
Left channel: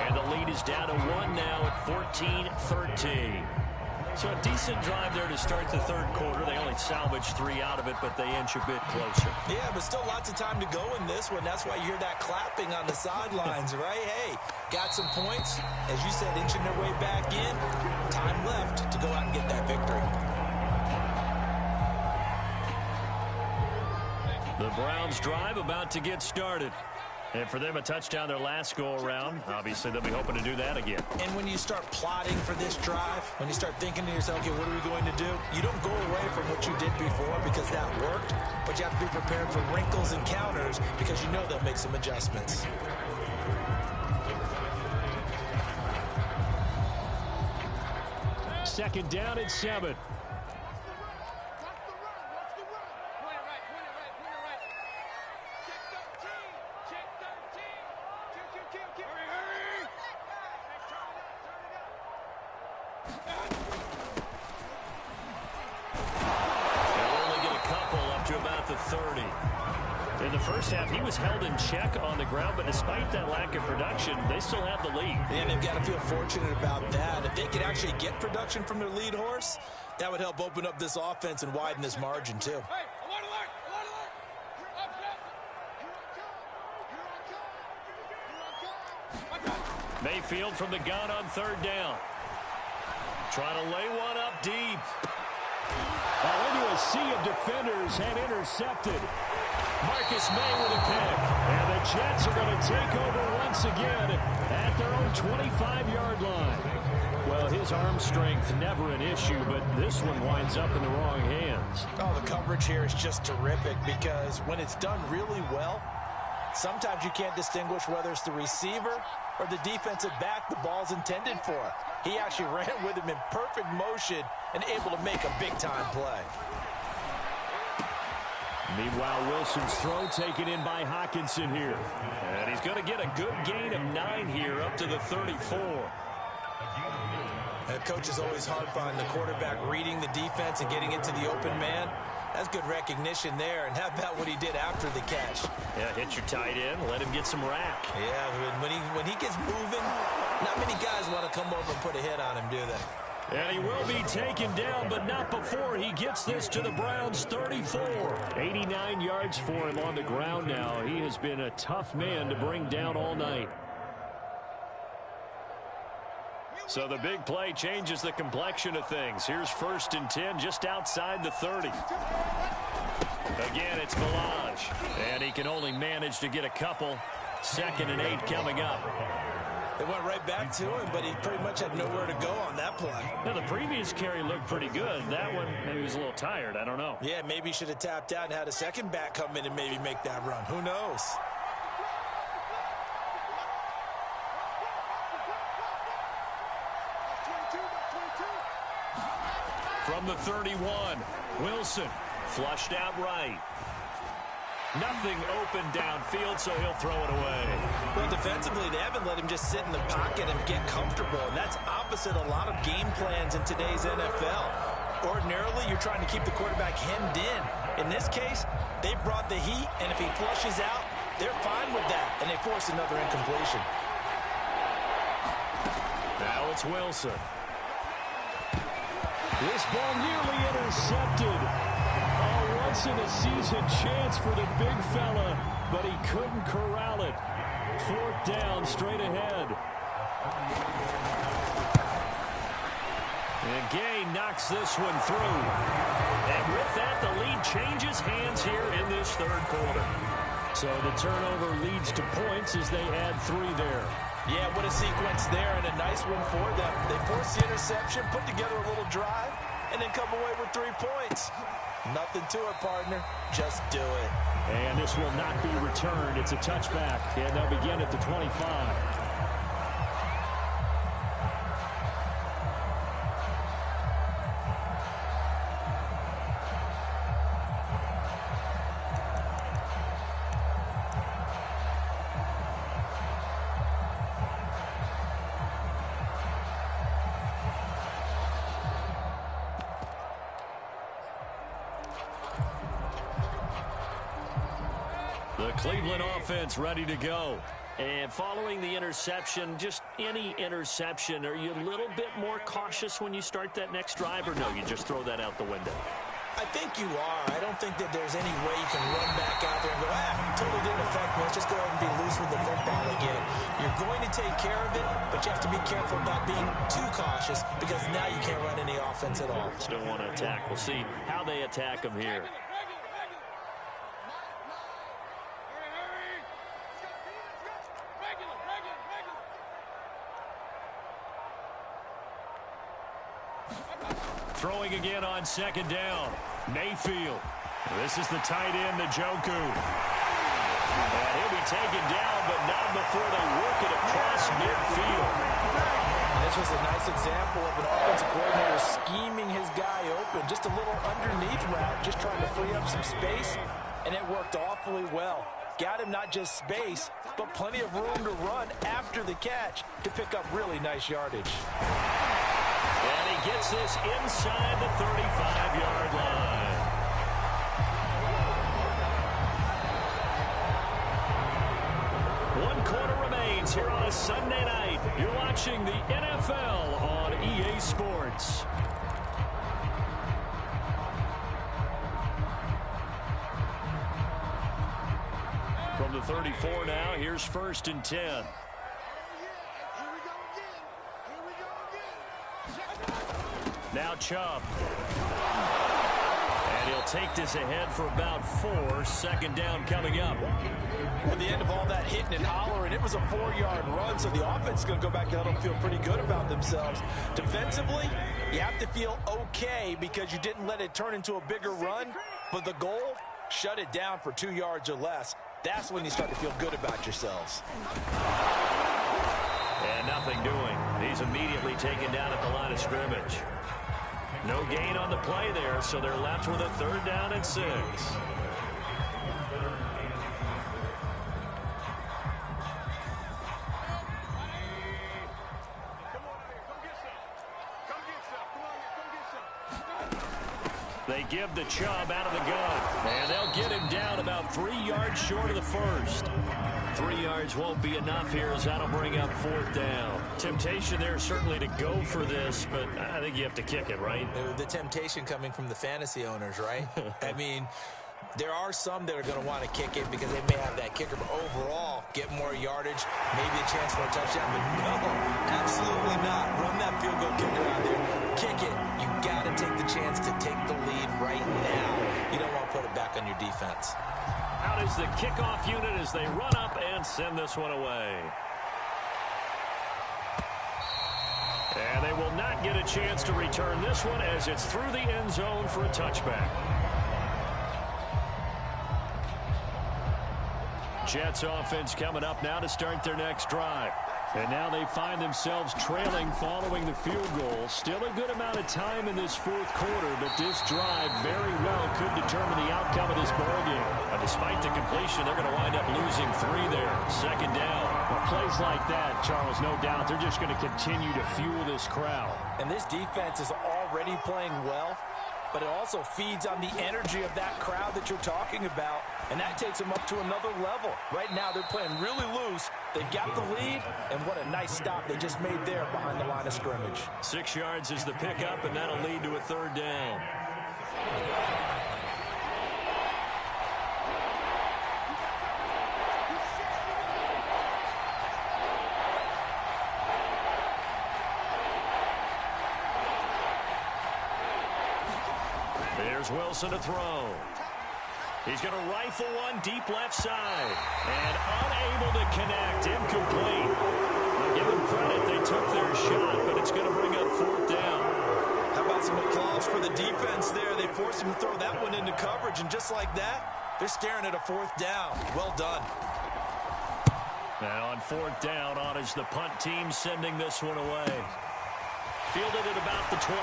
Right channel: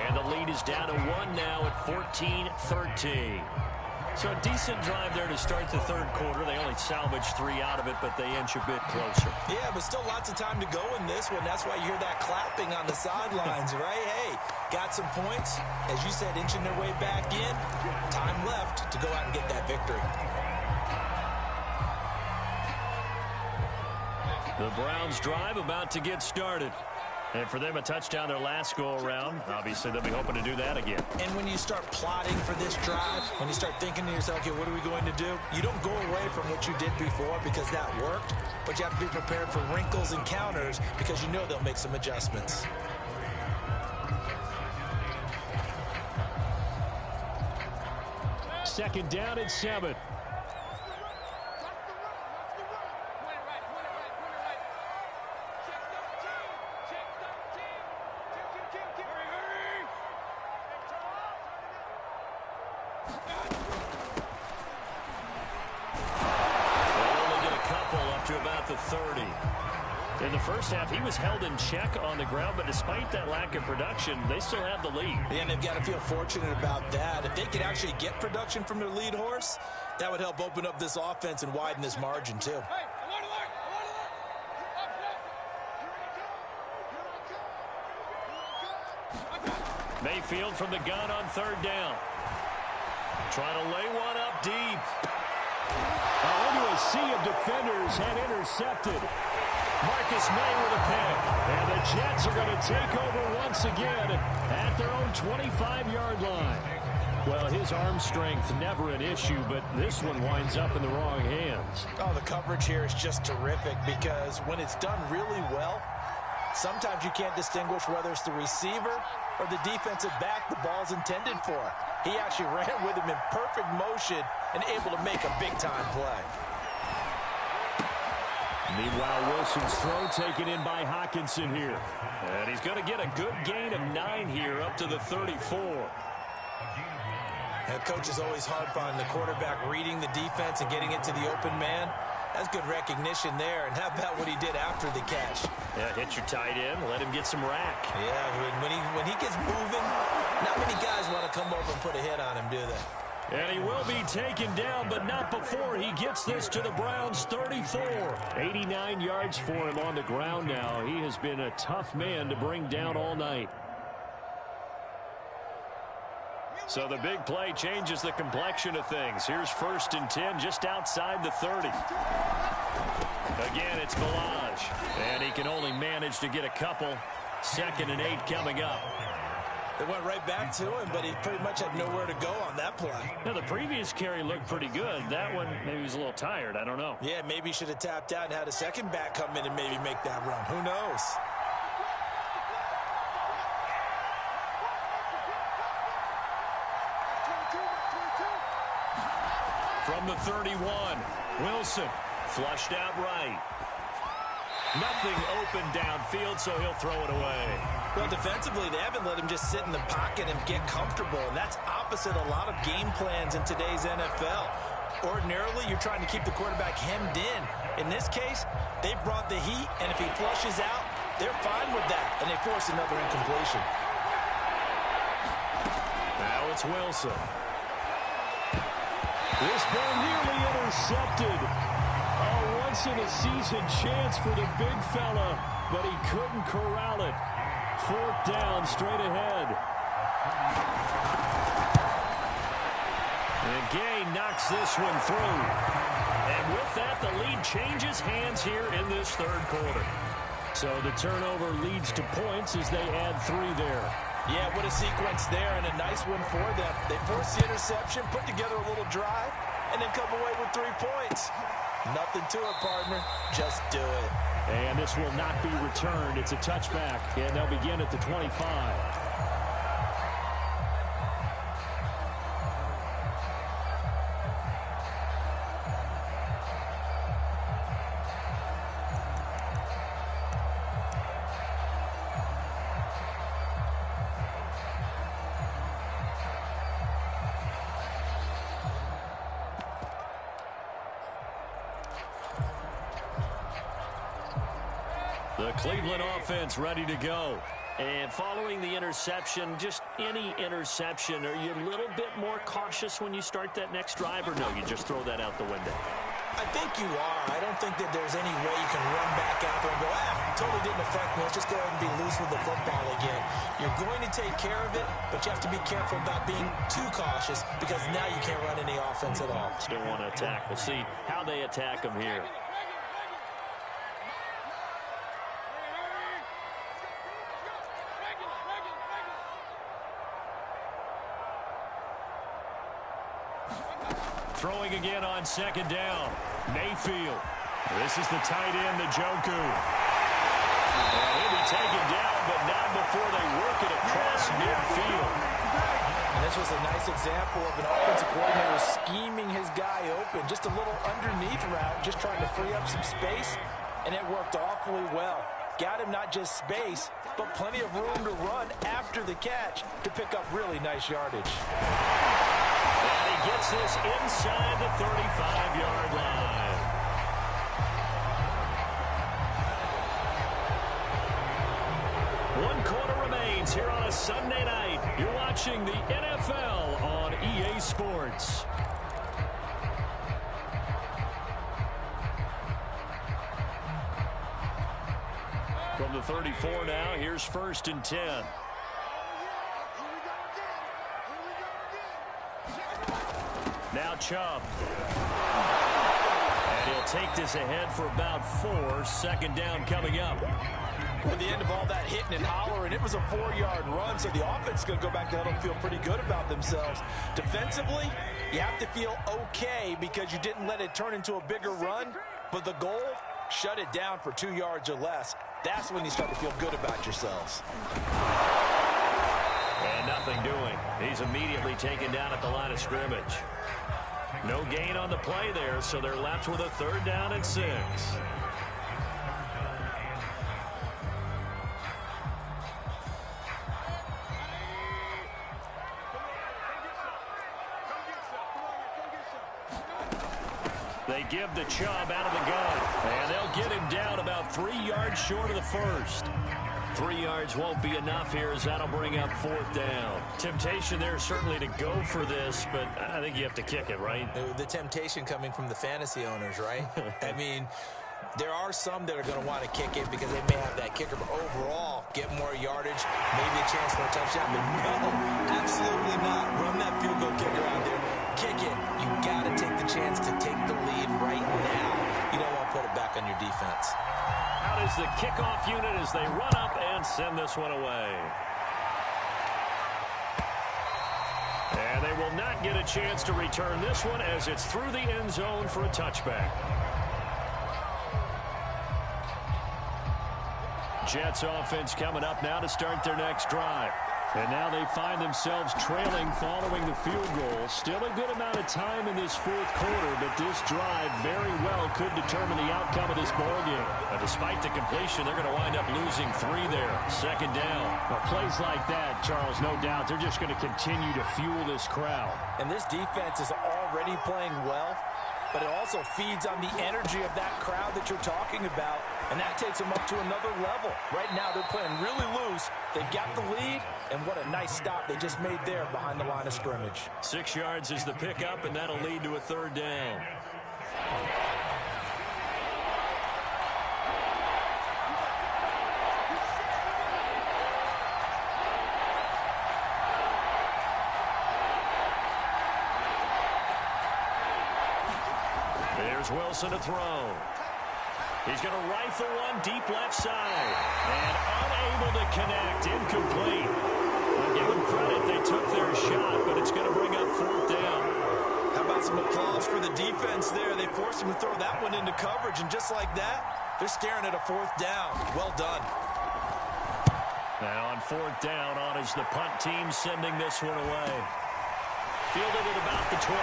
And the lead is down to 1 now at 14-13. So a decent drive there to start the third quarter. They only salvaged 3 out of it, but they inch a bit closer. Yeah, but still lots of time to go in this one. That's why you hear that clapping on the sidelines, right? Hey, got some points. As you said, inching their way back in. Time left to go out and get that victory. The Browns drive about to get started. And for them, a touchdown their last go-around. Obviously, they'll be hoping to do that again. And when you start plotting for this drive, when you start thinking to yourself, okay, what are we going to do? You don't go away from what you did before because that worked, but you have to be prepared for wrinkles and counters because you know they'll make some adjustments. Second down and 7. To about the 30. In the first half, he was held in check on the ground, but despite that lack of production, they still have the lead. And they've got to feel fortunate about that. If they could actually get production from their lead horse, that would help open up this offense and widen this margin, too. Hey, alert, alert, alert. Mayfield from the gun on third down. Trying to lay one up deep. Into a sea of defenders and intercepted. Marcus May with a pick. And the Jets are going to take over once again at their own 25-yard line. Well, his arm strength never an issue, but this one winds up in the wrong hands. Oh, the coverage here is just terrific because when it's done really well, sometimes you can't distinguish whether it's the receiver or the defensive back the ball's intended for. He actually ran with him in perfect motion and able to make a big-time play. Meanwhile, Wilson's throw taken in by Hockenson here. And he's going to get a good gain of 9 here up to the 34. And coaches always harp on the quarterback reading the defense and getting it to the open man. That's good recognition there. And how about what he did after the catch? Yeah, hit your tight end, let him get some rack. Yeah, when he gets moving, not many guys want to come over and put a hit on him, do they? And he will be taken down, but not before he gets this to the Browns' 34. 89 yards for him on the ground now. He has been a tough man to bring down all night. So the big play changes the complexion of things. Here's 1st and 10 just outside the 30. Again, it's Village. And he can only manage to get a couple. 2nd and 8 coming up. They went right back to him, but he pretty much had nowhere to go on that play. Now, the previous carry looked pretty good. That one, maybe he was a little tired. I don't know. Yeah, maybe he should have tapped out and had a second back come in and maybe make that run. Who knows? From the 31, Wilson flushed out right. Nothing open downfield, so he'll throw it away. Well, defensively, they haven't let him just sit in the pocket and get comfortable, and that's opposite a lot of game plans in today's NFL. Ordinarily, you're trying to keep the quarterback hemmed in. In this case, they brought the heat, and if he flushes out, they're fine with that, and they force another incompletion. Now it's Wilson. This ball nearly intercepted. A once-in-a-season chance for the big fella, but he couldn't corral it. 4th down, straight ahead. And Gay knocks this one through. And with that, the lead changes hands here in this third quarter. So the turnover leads to points as they add 3 there. Yeah, what a sequence there, and a nice one for them. They force the interception, put together a little drive, and then come away with 3 points. Nothing to it, partner. Just do it. And this will not be returned. It's a touchback, and they'll begin at the 25. The Cleveland offense ready to go. And following the interception, just any interception, are you a little bit more cautious when you start that next drive, or no, you just throw that out the window? I think you are. I don't think that there's any way you can run back out there and go, totally didn't affect me. Let's just go ahead and be loose with the football again. You're going to take care of it, but you have to be careful about being too cautious because now you can't run any offense at all. Still want to attack. We'll see how they attack them here. Throwing again on second down. Mayfield. This is the tight end, Njoku. And he'll be taken down, but not before they work it across midfield. And this was a nice example of an offensive coordinator scheming his guy open. Just a little underneath route, just trying to free up some space, and it worked awfully well. Got him not just space, but plenty of room to run after the catch to pick up really nice yardage. And he gets this inside the 35-yard line. One quarter remains here on a Sunday night. You're watching the NFL on EA Sports. From the 34 now, here's 1st and 10. Now Chubb. And he'll take this ahead for about 4. 2nd down coming up. At the end of all that hitting and hollering, it was a 4-yard run, so the offense is going to go back to huddle and feel pretty good about themselves. Defensively, you have to feel okay because you didn't let it turn into a bigger run, but the goal, shut it down for 2 yards or less. That's when you start to feel good about yourselves. And nothing doing. He's immediately taken down at the line of scrimmage. No gain on the play there, so they're left with a 3rd down and 6. They give the Chubb out of the gun, and they'll get him down about 3 yards short of the first. 3 yards won't be enough here as that'll bring up 4th down. Temptation there certainly to go for this, but I think you have to kick it, right? The temptation coming from the fantasy owners, right? I mean, there are some that are going to want to kick it because they may have that kicker, but overall, get more yardage, maybe a chance for a touchdown. But no, absolutely not. Run that field goal kicker out there. Kick it. You got to take the chance to take the lead right now. You don't want to put it back on your defense. Out is the kickoff unit as they run up and send this one away. And they will not get a chance to return this one as it's through the end zone for a touchback. Jets offense coming up now to start their next drive. And now they find themselves trailing following the field goal. Still a good amount of time in this 4th quarter, but this drive very well could determine the outcome of this ballgame. Despite the completion, they're going to wind up losing 3 there. 2nd down. Well, plays like that, Charles, no doubt, they're just going to continue to fuel this crowd. And this defense is already playing well, but it also feeds on the energy of that crowd that you're talking about, and that takes them up to another level. Right now, they're playing really loose. They've got the lead, and what a nice stop they just made there behind the line of scrimmage. 6 yards is the pickup, and that'll lead to a 3rd down. There's Wilson to throw. He's going to rifle one deep left side. And unable to connect. Incomplete. I'll give them credit. They took their shot, but it's going to bring up 4th down. How about some applause for the defense there? They forced him to throw that one into coverage, and just like that, they're staring at a 4th down. Well done. Now on 4th down, on is the punt team sending this one away. Fielded at about the 28.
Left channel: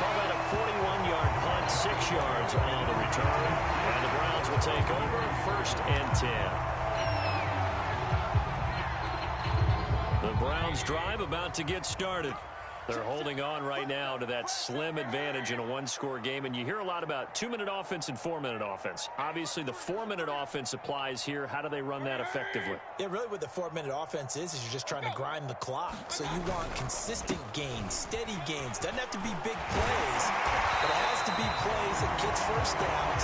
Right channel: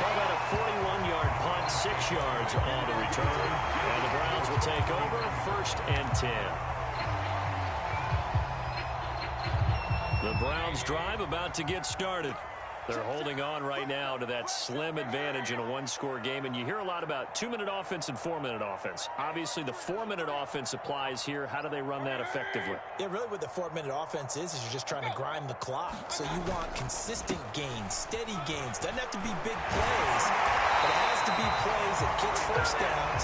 Call that a 41-yard punt, 6 yards on the return. And the Browns will take over 1st and 10. The Browns drive about to get started. They're holding on right now to that slim advantage in a one-score game, and you hear a lot about 2-minute offense and 4-minute offense. Obviously, the 4-minute offense applies here. How do they run that effectively? Yeah, really what the 4-minute offense is you're just trying to grind the clock. So you want consistent gains, steady gains. Doesn't have to be big plays, but it has to be plays that gets first downs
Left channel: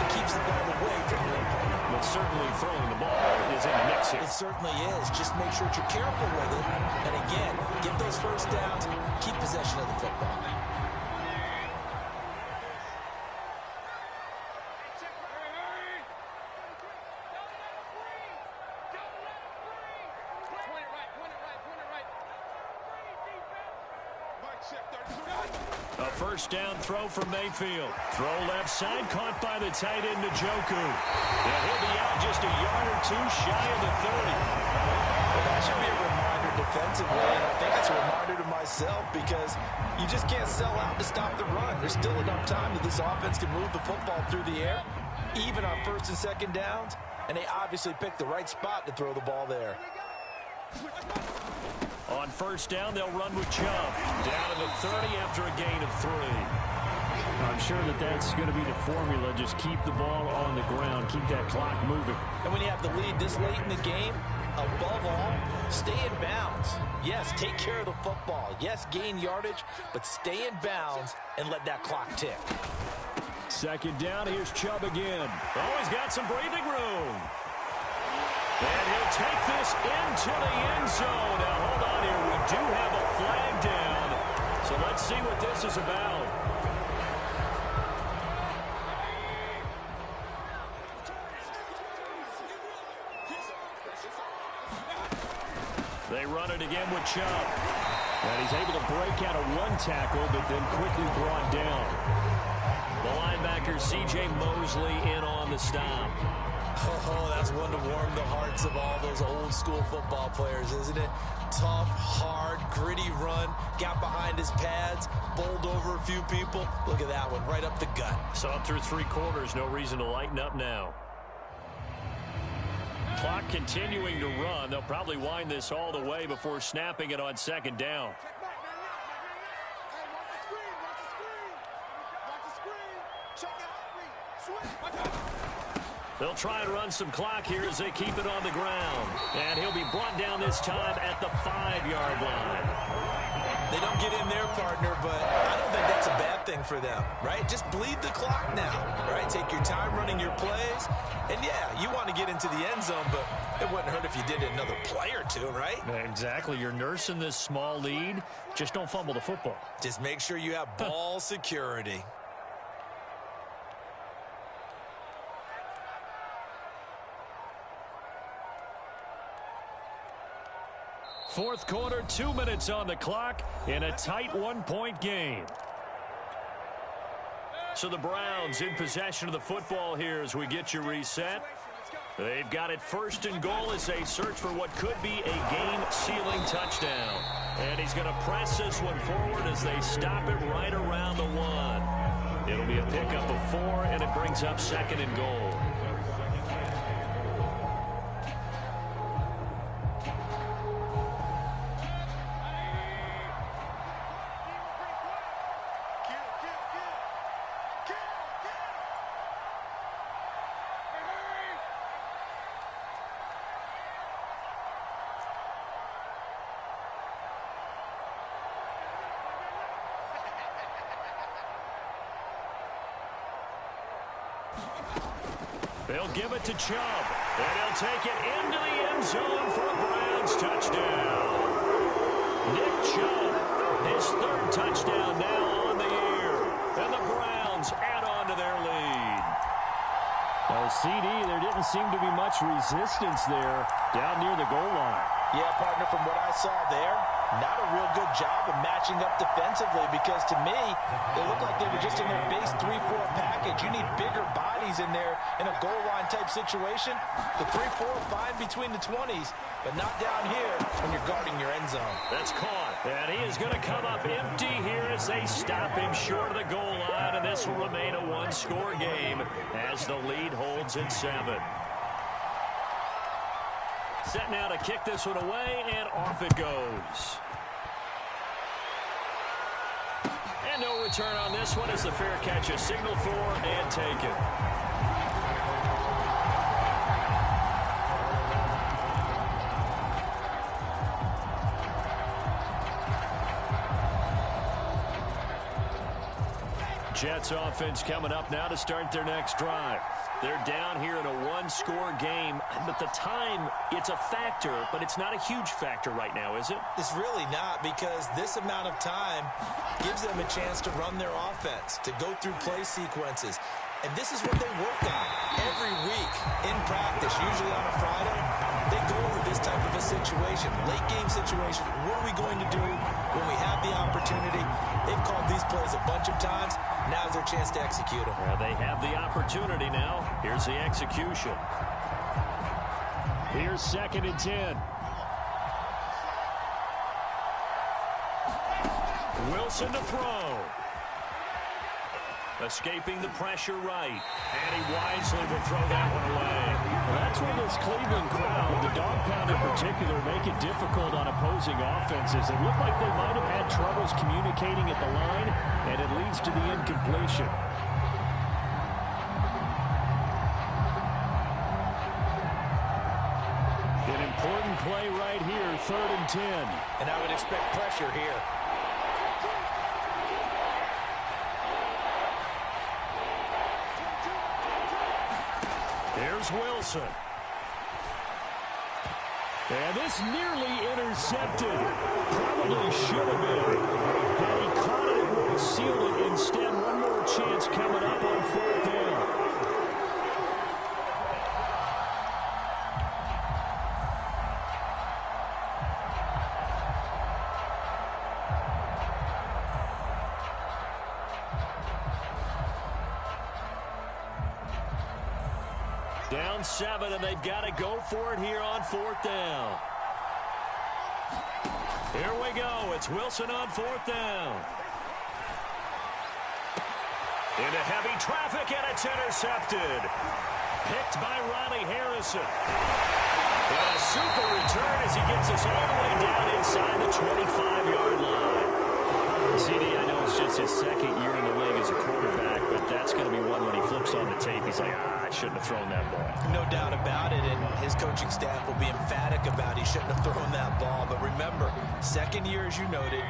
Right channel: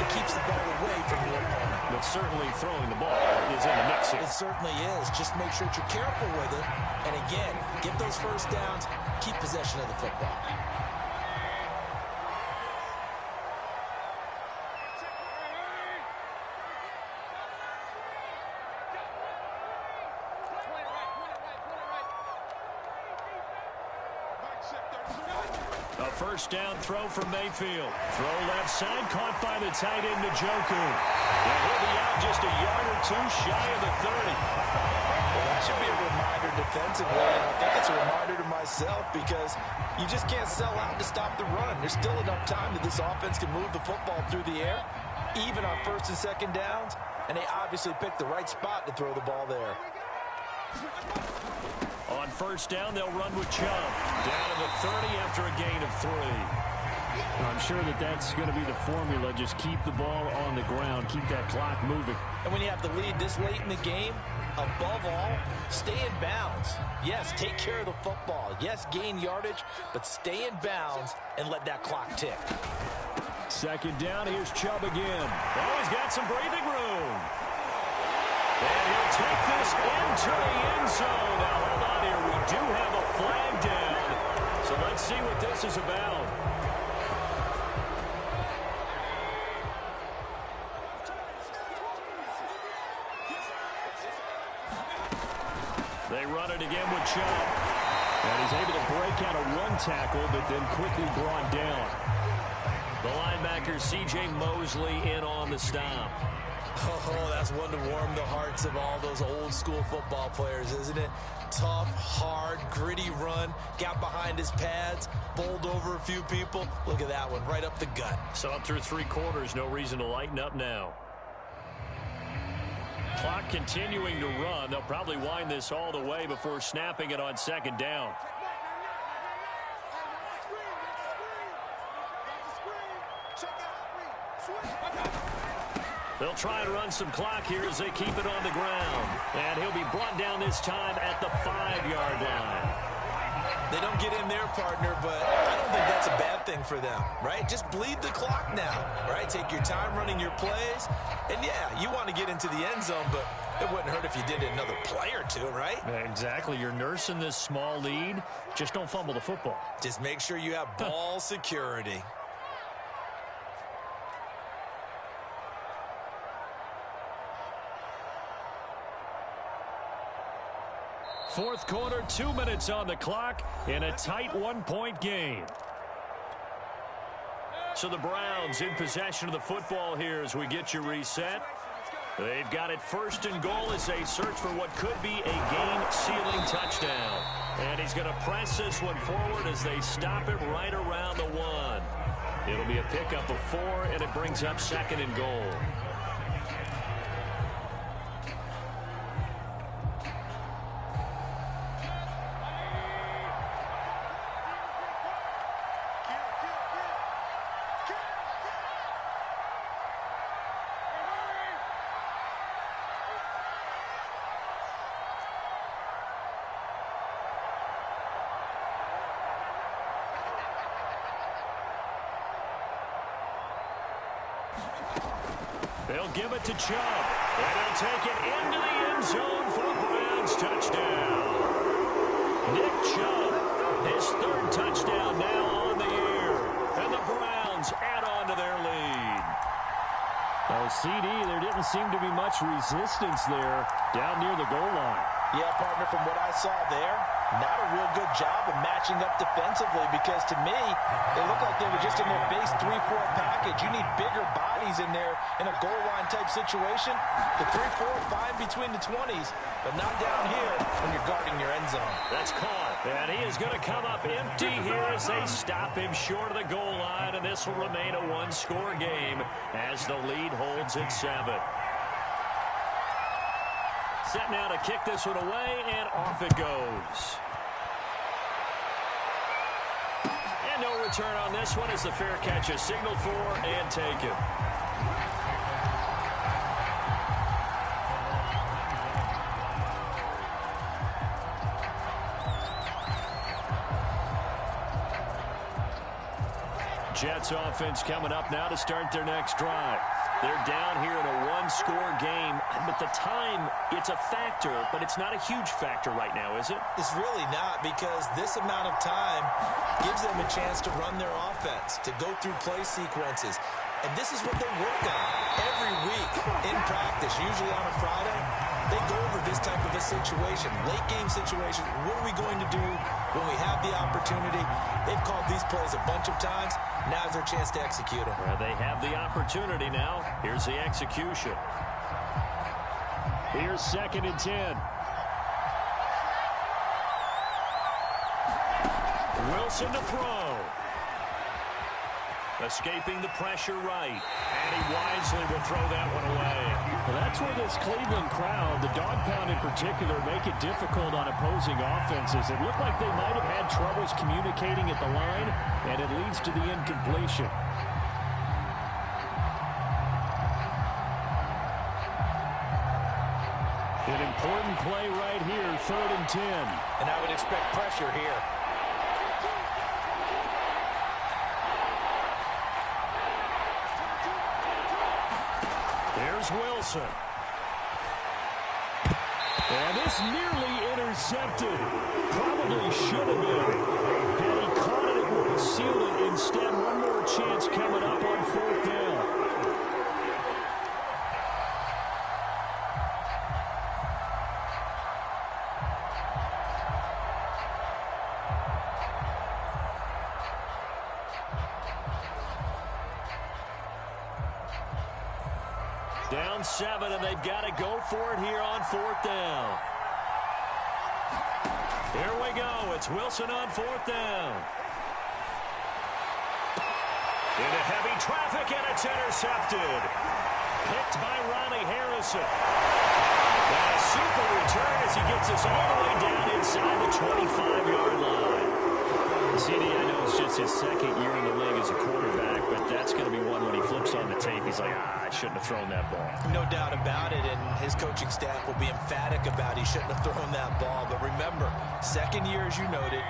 and keeps the ball away from your opponent. But certainly throwing the ball is in the mix here. It certainly is. Just make sure that you're careful with it. And again, get those first downs, keep possession of the football. A first down throw from Mayfield. Throw left side, caught by the tight end, Njoku. And he'll be out just a yard or two shy of the 30. Well, that should be a reminder defensively, and I think it's a reminder to myself because you just can't sell out to stop the run. There's still enough time that this offense can move the football through the air, even on first and second downs, and they obviously picked the right spot to throw the ball there. On first down, they'll run with Chubb. Down to the 30 after a gain of 3. I'm sure that that's going to be the formula. Just keep the ball on the ground. Keep that clock moving. And when you have the lead this late in the game, above all, stay in bounds. Yes, take care of the football. Yes, gain yardage, but stay in bounds and let that clock tick. Second down, here's Chubb again. Oh, he's got some breathing room. And he'll take this into the end zone. Now, hold on here. We do have a flag down. So let's see what this is about. They run it again with Chubb. And he's able to break out of one tackle, but then quickly brought down. The linebacker, C.J. Mosley, in on the stop. Oh, that's one to warm the hearts of all those old school football players, isn't it? Tough, hard, gritty run, got behind his pads, bowled over a few people. Look at that one, right up the gut. So up through 3 quarters, no reason to lighten up now. Clock continuing to run. They'll probably wind this all the way before snapping it on second down. They'll try and run some clock here as they keep it on the ground. And he'll be brought down this time at the 5-yard line. They don't get in their partner, but I don't think that's a bad thing for them, right? Just bleed the clock now, right? Take your time running your plays. And, yeah, you want to get into the end zone, but it wouldn't hurt if you did it another play or two, right? Exactly. You're nursing this small lead. Just don't fumble the football. Just make sure you have ball security. Fourth quarter, 2 minutes on the clock in a tight 1-point game. So the Browns in possession of the football here as we get you reset. They've got it first and goal as they search for what could be a game-sealing touchdown. And he's going to press this one forward as they stop it right around the 1. It'll be a pickup of 4, and it brings up second and goal. They'll give it to Chubb, and he'll take it into the end zone for a Browns touchdown. Nick Chubb, his 3rd touchdown now on the year, and the Browns add on to their lead. Oh, CD, there didn't seem to be much resistance there down near the goal line. Yeah, partner, from what I saw there, not a real good job of matching up defensively because to me, it looked like they were just in their base 3-4 package. You need bigger bodies in there in a goal line type situation. The 3-4 fine between the 20s, but not down here when you're guarding your end zone. That's caught. And he is going to come up empty here as they stop him short of the goal line, and this will remain a 1-score game as the lead holds at 7. Set now to kick this one away, and off it goes. And no return on this one as the fair catch is signaled for and taken. Jets offense coming up now to start their next drive. They're down here in a one-score game, but the time, it's a factor, but it's not a huge factor right now, is it? It's really not, because this amount of time gives them a chance to run their offense, to go through play sequences. And this is what they work on every week in practice, usually on a Friday. They go over this type of a situation, late game situation. What are we going to do when we have the opportunity? They've called these plays a bunch of times. Now's their chance to execute them. Well, they have the opportunity now. Here's the execution. Here's 2nd and 10. Wilson to throw. Escaping the pressure right. And he wisely will throw that one away. Well, that's where this Cleveland crowd, the dog pound in particular, make it difficult on opposing offenses. It looked like they might have had troubles communicating at the line, and it leads to the incompletion. An important play right here, 3rd and 10. And I would expect pressure here. Here's Wilson. And this nearly intercepted. Probably should have been. Had he caught it, it would have sealed it. Instead, one more chance coming up on 4th down. Down 7, and they've got to go for it here on 4th down. Here we go. It's Wilson on 4th down. Into heavy traffic, and it's intercepted. Picked by Ronnie Harrison. And a super return as he gets us all the way down inside the 25-yard line. CD, I know it's just his 2nd year in the league as a quarterback, but that's going to be one when he flips on the tape. He's like, I shouldn't have thrown that ball. No doubt about it, and his coaching staff will be emphatic about he shouldn't have thrown that ball. But remember, 2nd year, as you noted,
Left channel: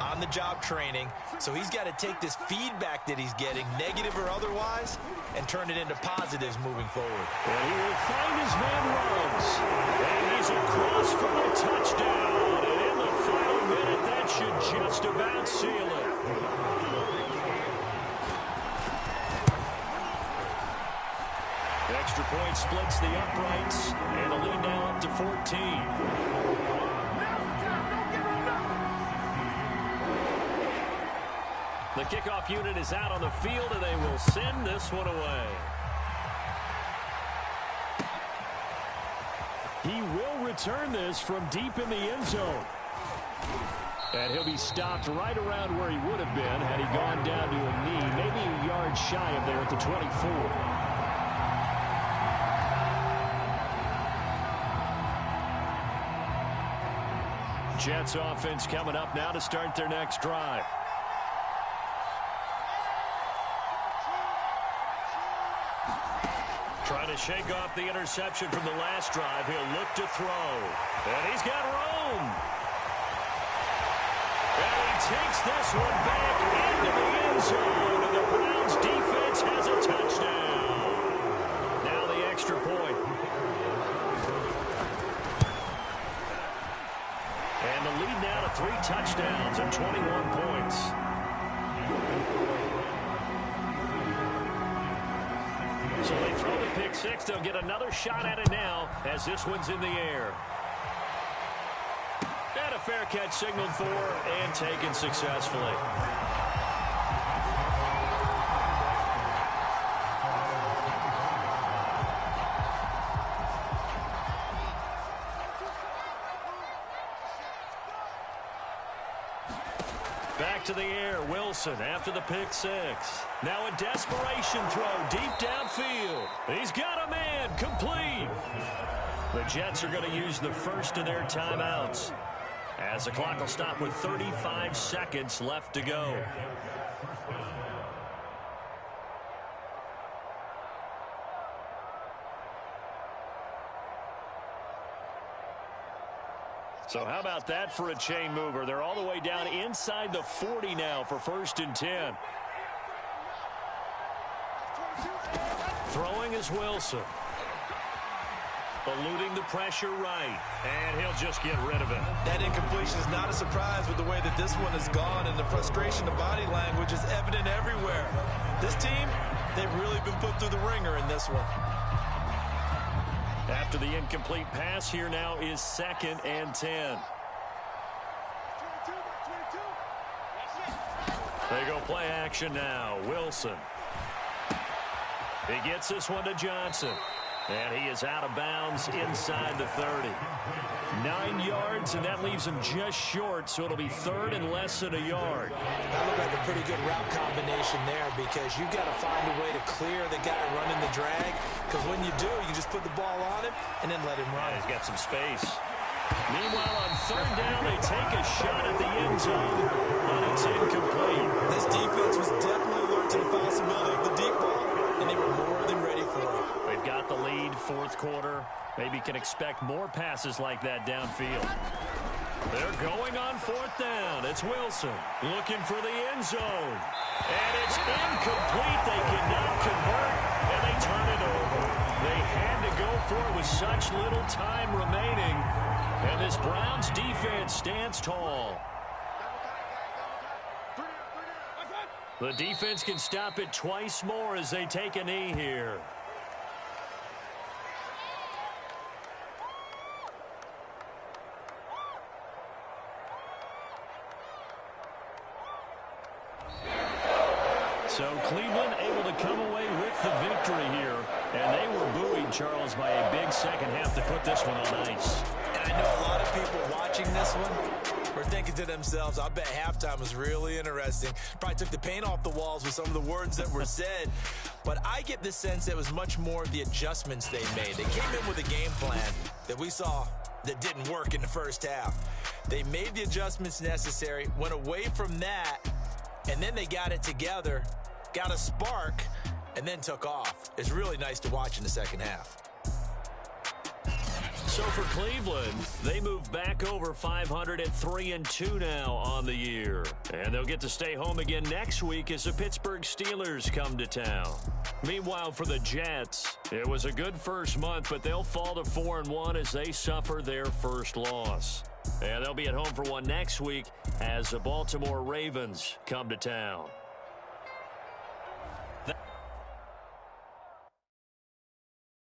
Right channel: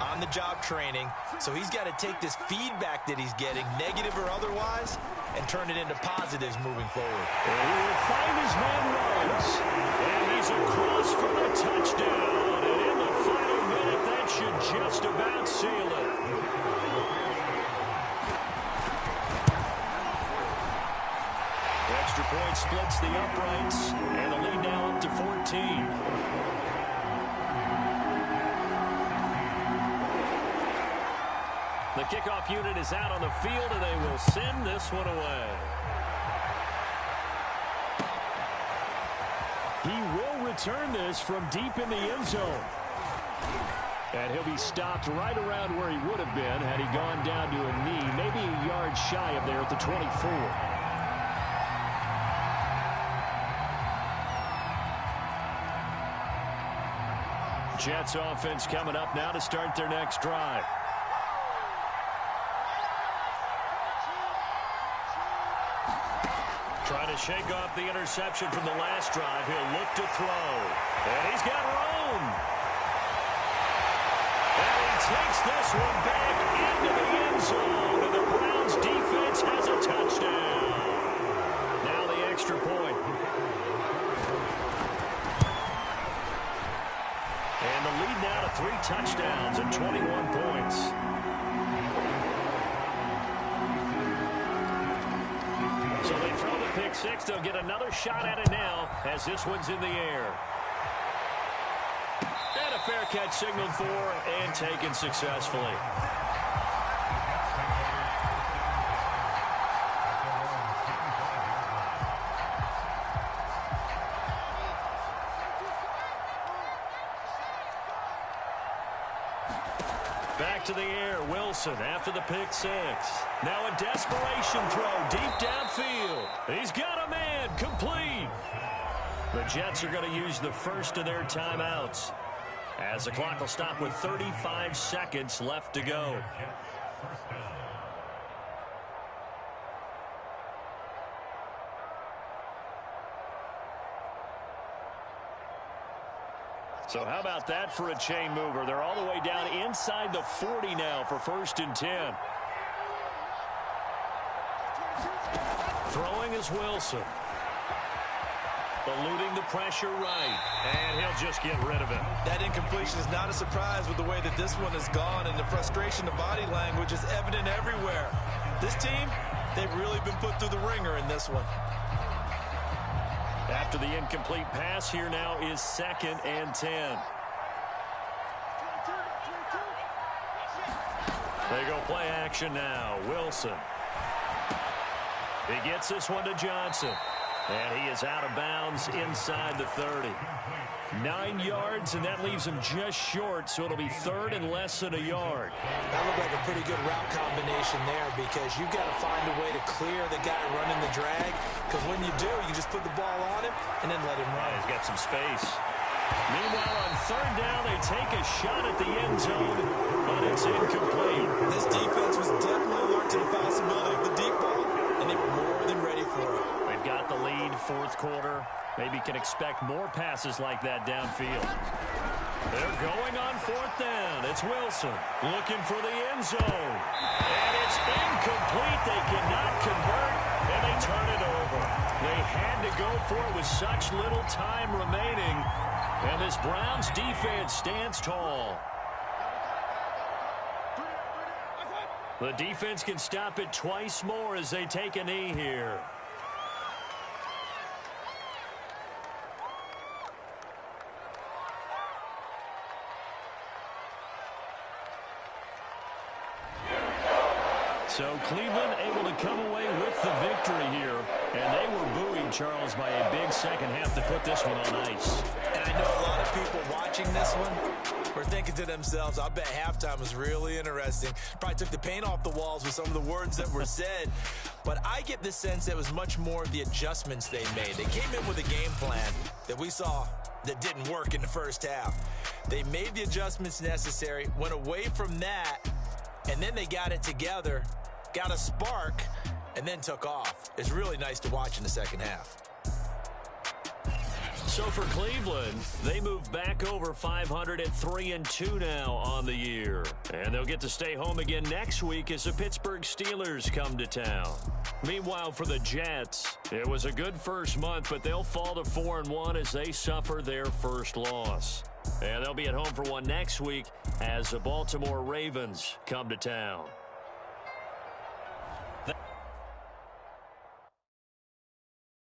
on-the-job training, so he's got to take this feedback that he's getting, negative or otherwise, and turn it into positives moving forward. And he will find his man Ruggs. And he's across for the touchdown. And in the final minute, that should just about seal it. Extra point splits the uprights, and the lead now up to 14. The kickoff unit is out on the field, and they will send this one away. He will return this from deep in the end zone. And he'll be stopped right around where he would have been had he gone down to a knee, maybe a yard shy of there at the 24. Jets offense coming up now to start their next drive. Trying to shake off the interception from the last drive. He'll look to throw. And he's got room. And he takes this one back into the end zone. And the Browns defense has a touchdown. Now the extra point. And the lead now to 3 touchdowns and 21 points. So they throw the pick 6. They'll get another shot at it now as this one's in the air. And a fair catch signaled for and taken successfully. Back to the air, Wilson after the pick 6. Now a desperation throw deep downfield. He's got a man, complete. The Jets are going to use the first of their timeouts as the clock will stop with 35 seconds left to go. So how about that for a chain mover? They're all the way down inside the 40 now for 1st and 10. Throwing is Wilson. Eluding the pressure right. And he'll just get rid of it. That incompletion is not a surprise with the way that this one has gone, and the frustration, the body language is evident everywhere. This team, they've really been put through the ringer in this one. After the incomplete pass, here now is 2nd and 10. They go play action now. Wilson. He gets this one to Johnson. And he is out of bounds inside the 30. 9 yards, and that leaves him just short, so it'll be 3rd and less than a yard. That looked like a pretty good route combination there, because you've got to find a way to clear the guy running the drag, because when you do, you just put the ball on him and then let him run. Yeah, he's got some space. Meanwhile, on 3rd down, they take a shot at the end zone, but it's incomplete. This defense was definitely alert to the possibility of the deep ball, and they were more than ready for it. They've got the lead, 4th quarter. Maybe can expect more passes like that downfield. They're going on 4th down. It's Wilson looking for the end zone. And it's incomplete. They cannot convert, and they turn it over. They had to go for it with such little time remaining. And this Browns defense stands tall. The defense can stop it twice more as they take a knee here. So Cleveland able to come away with the victory here. And they were buoyed, Charles, by a big second half to put this one on ice. And I know a lot of people watching this one were thinking to themselves, I bet halftime was really interesting. Probably took the paint off the walls with some of the words that were said. But I get the sense that it was much more of the adjustments they made. They came in with a game plan that we saw that didn't work in the first half. They made the adjustments necessary, went away from that, and then they got it together, got a spark, and then took off. It's really nice to watch in the second half. So for Cleveland, they move back over 500 at 3-2 now on the year. And they'll get to stay home again next week as the Pittsburgh Steelers come to town. Meanwhile, for the Jets, it was a good first month, but they'll fall to 4-1 as they suffer their first loss. And they'll be at home for one next week as the Baltimore Ravens come to town.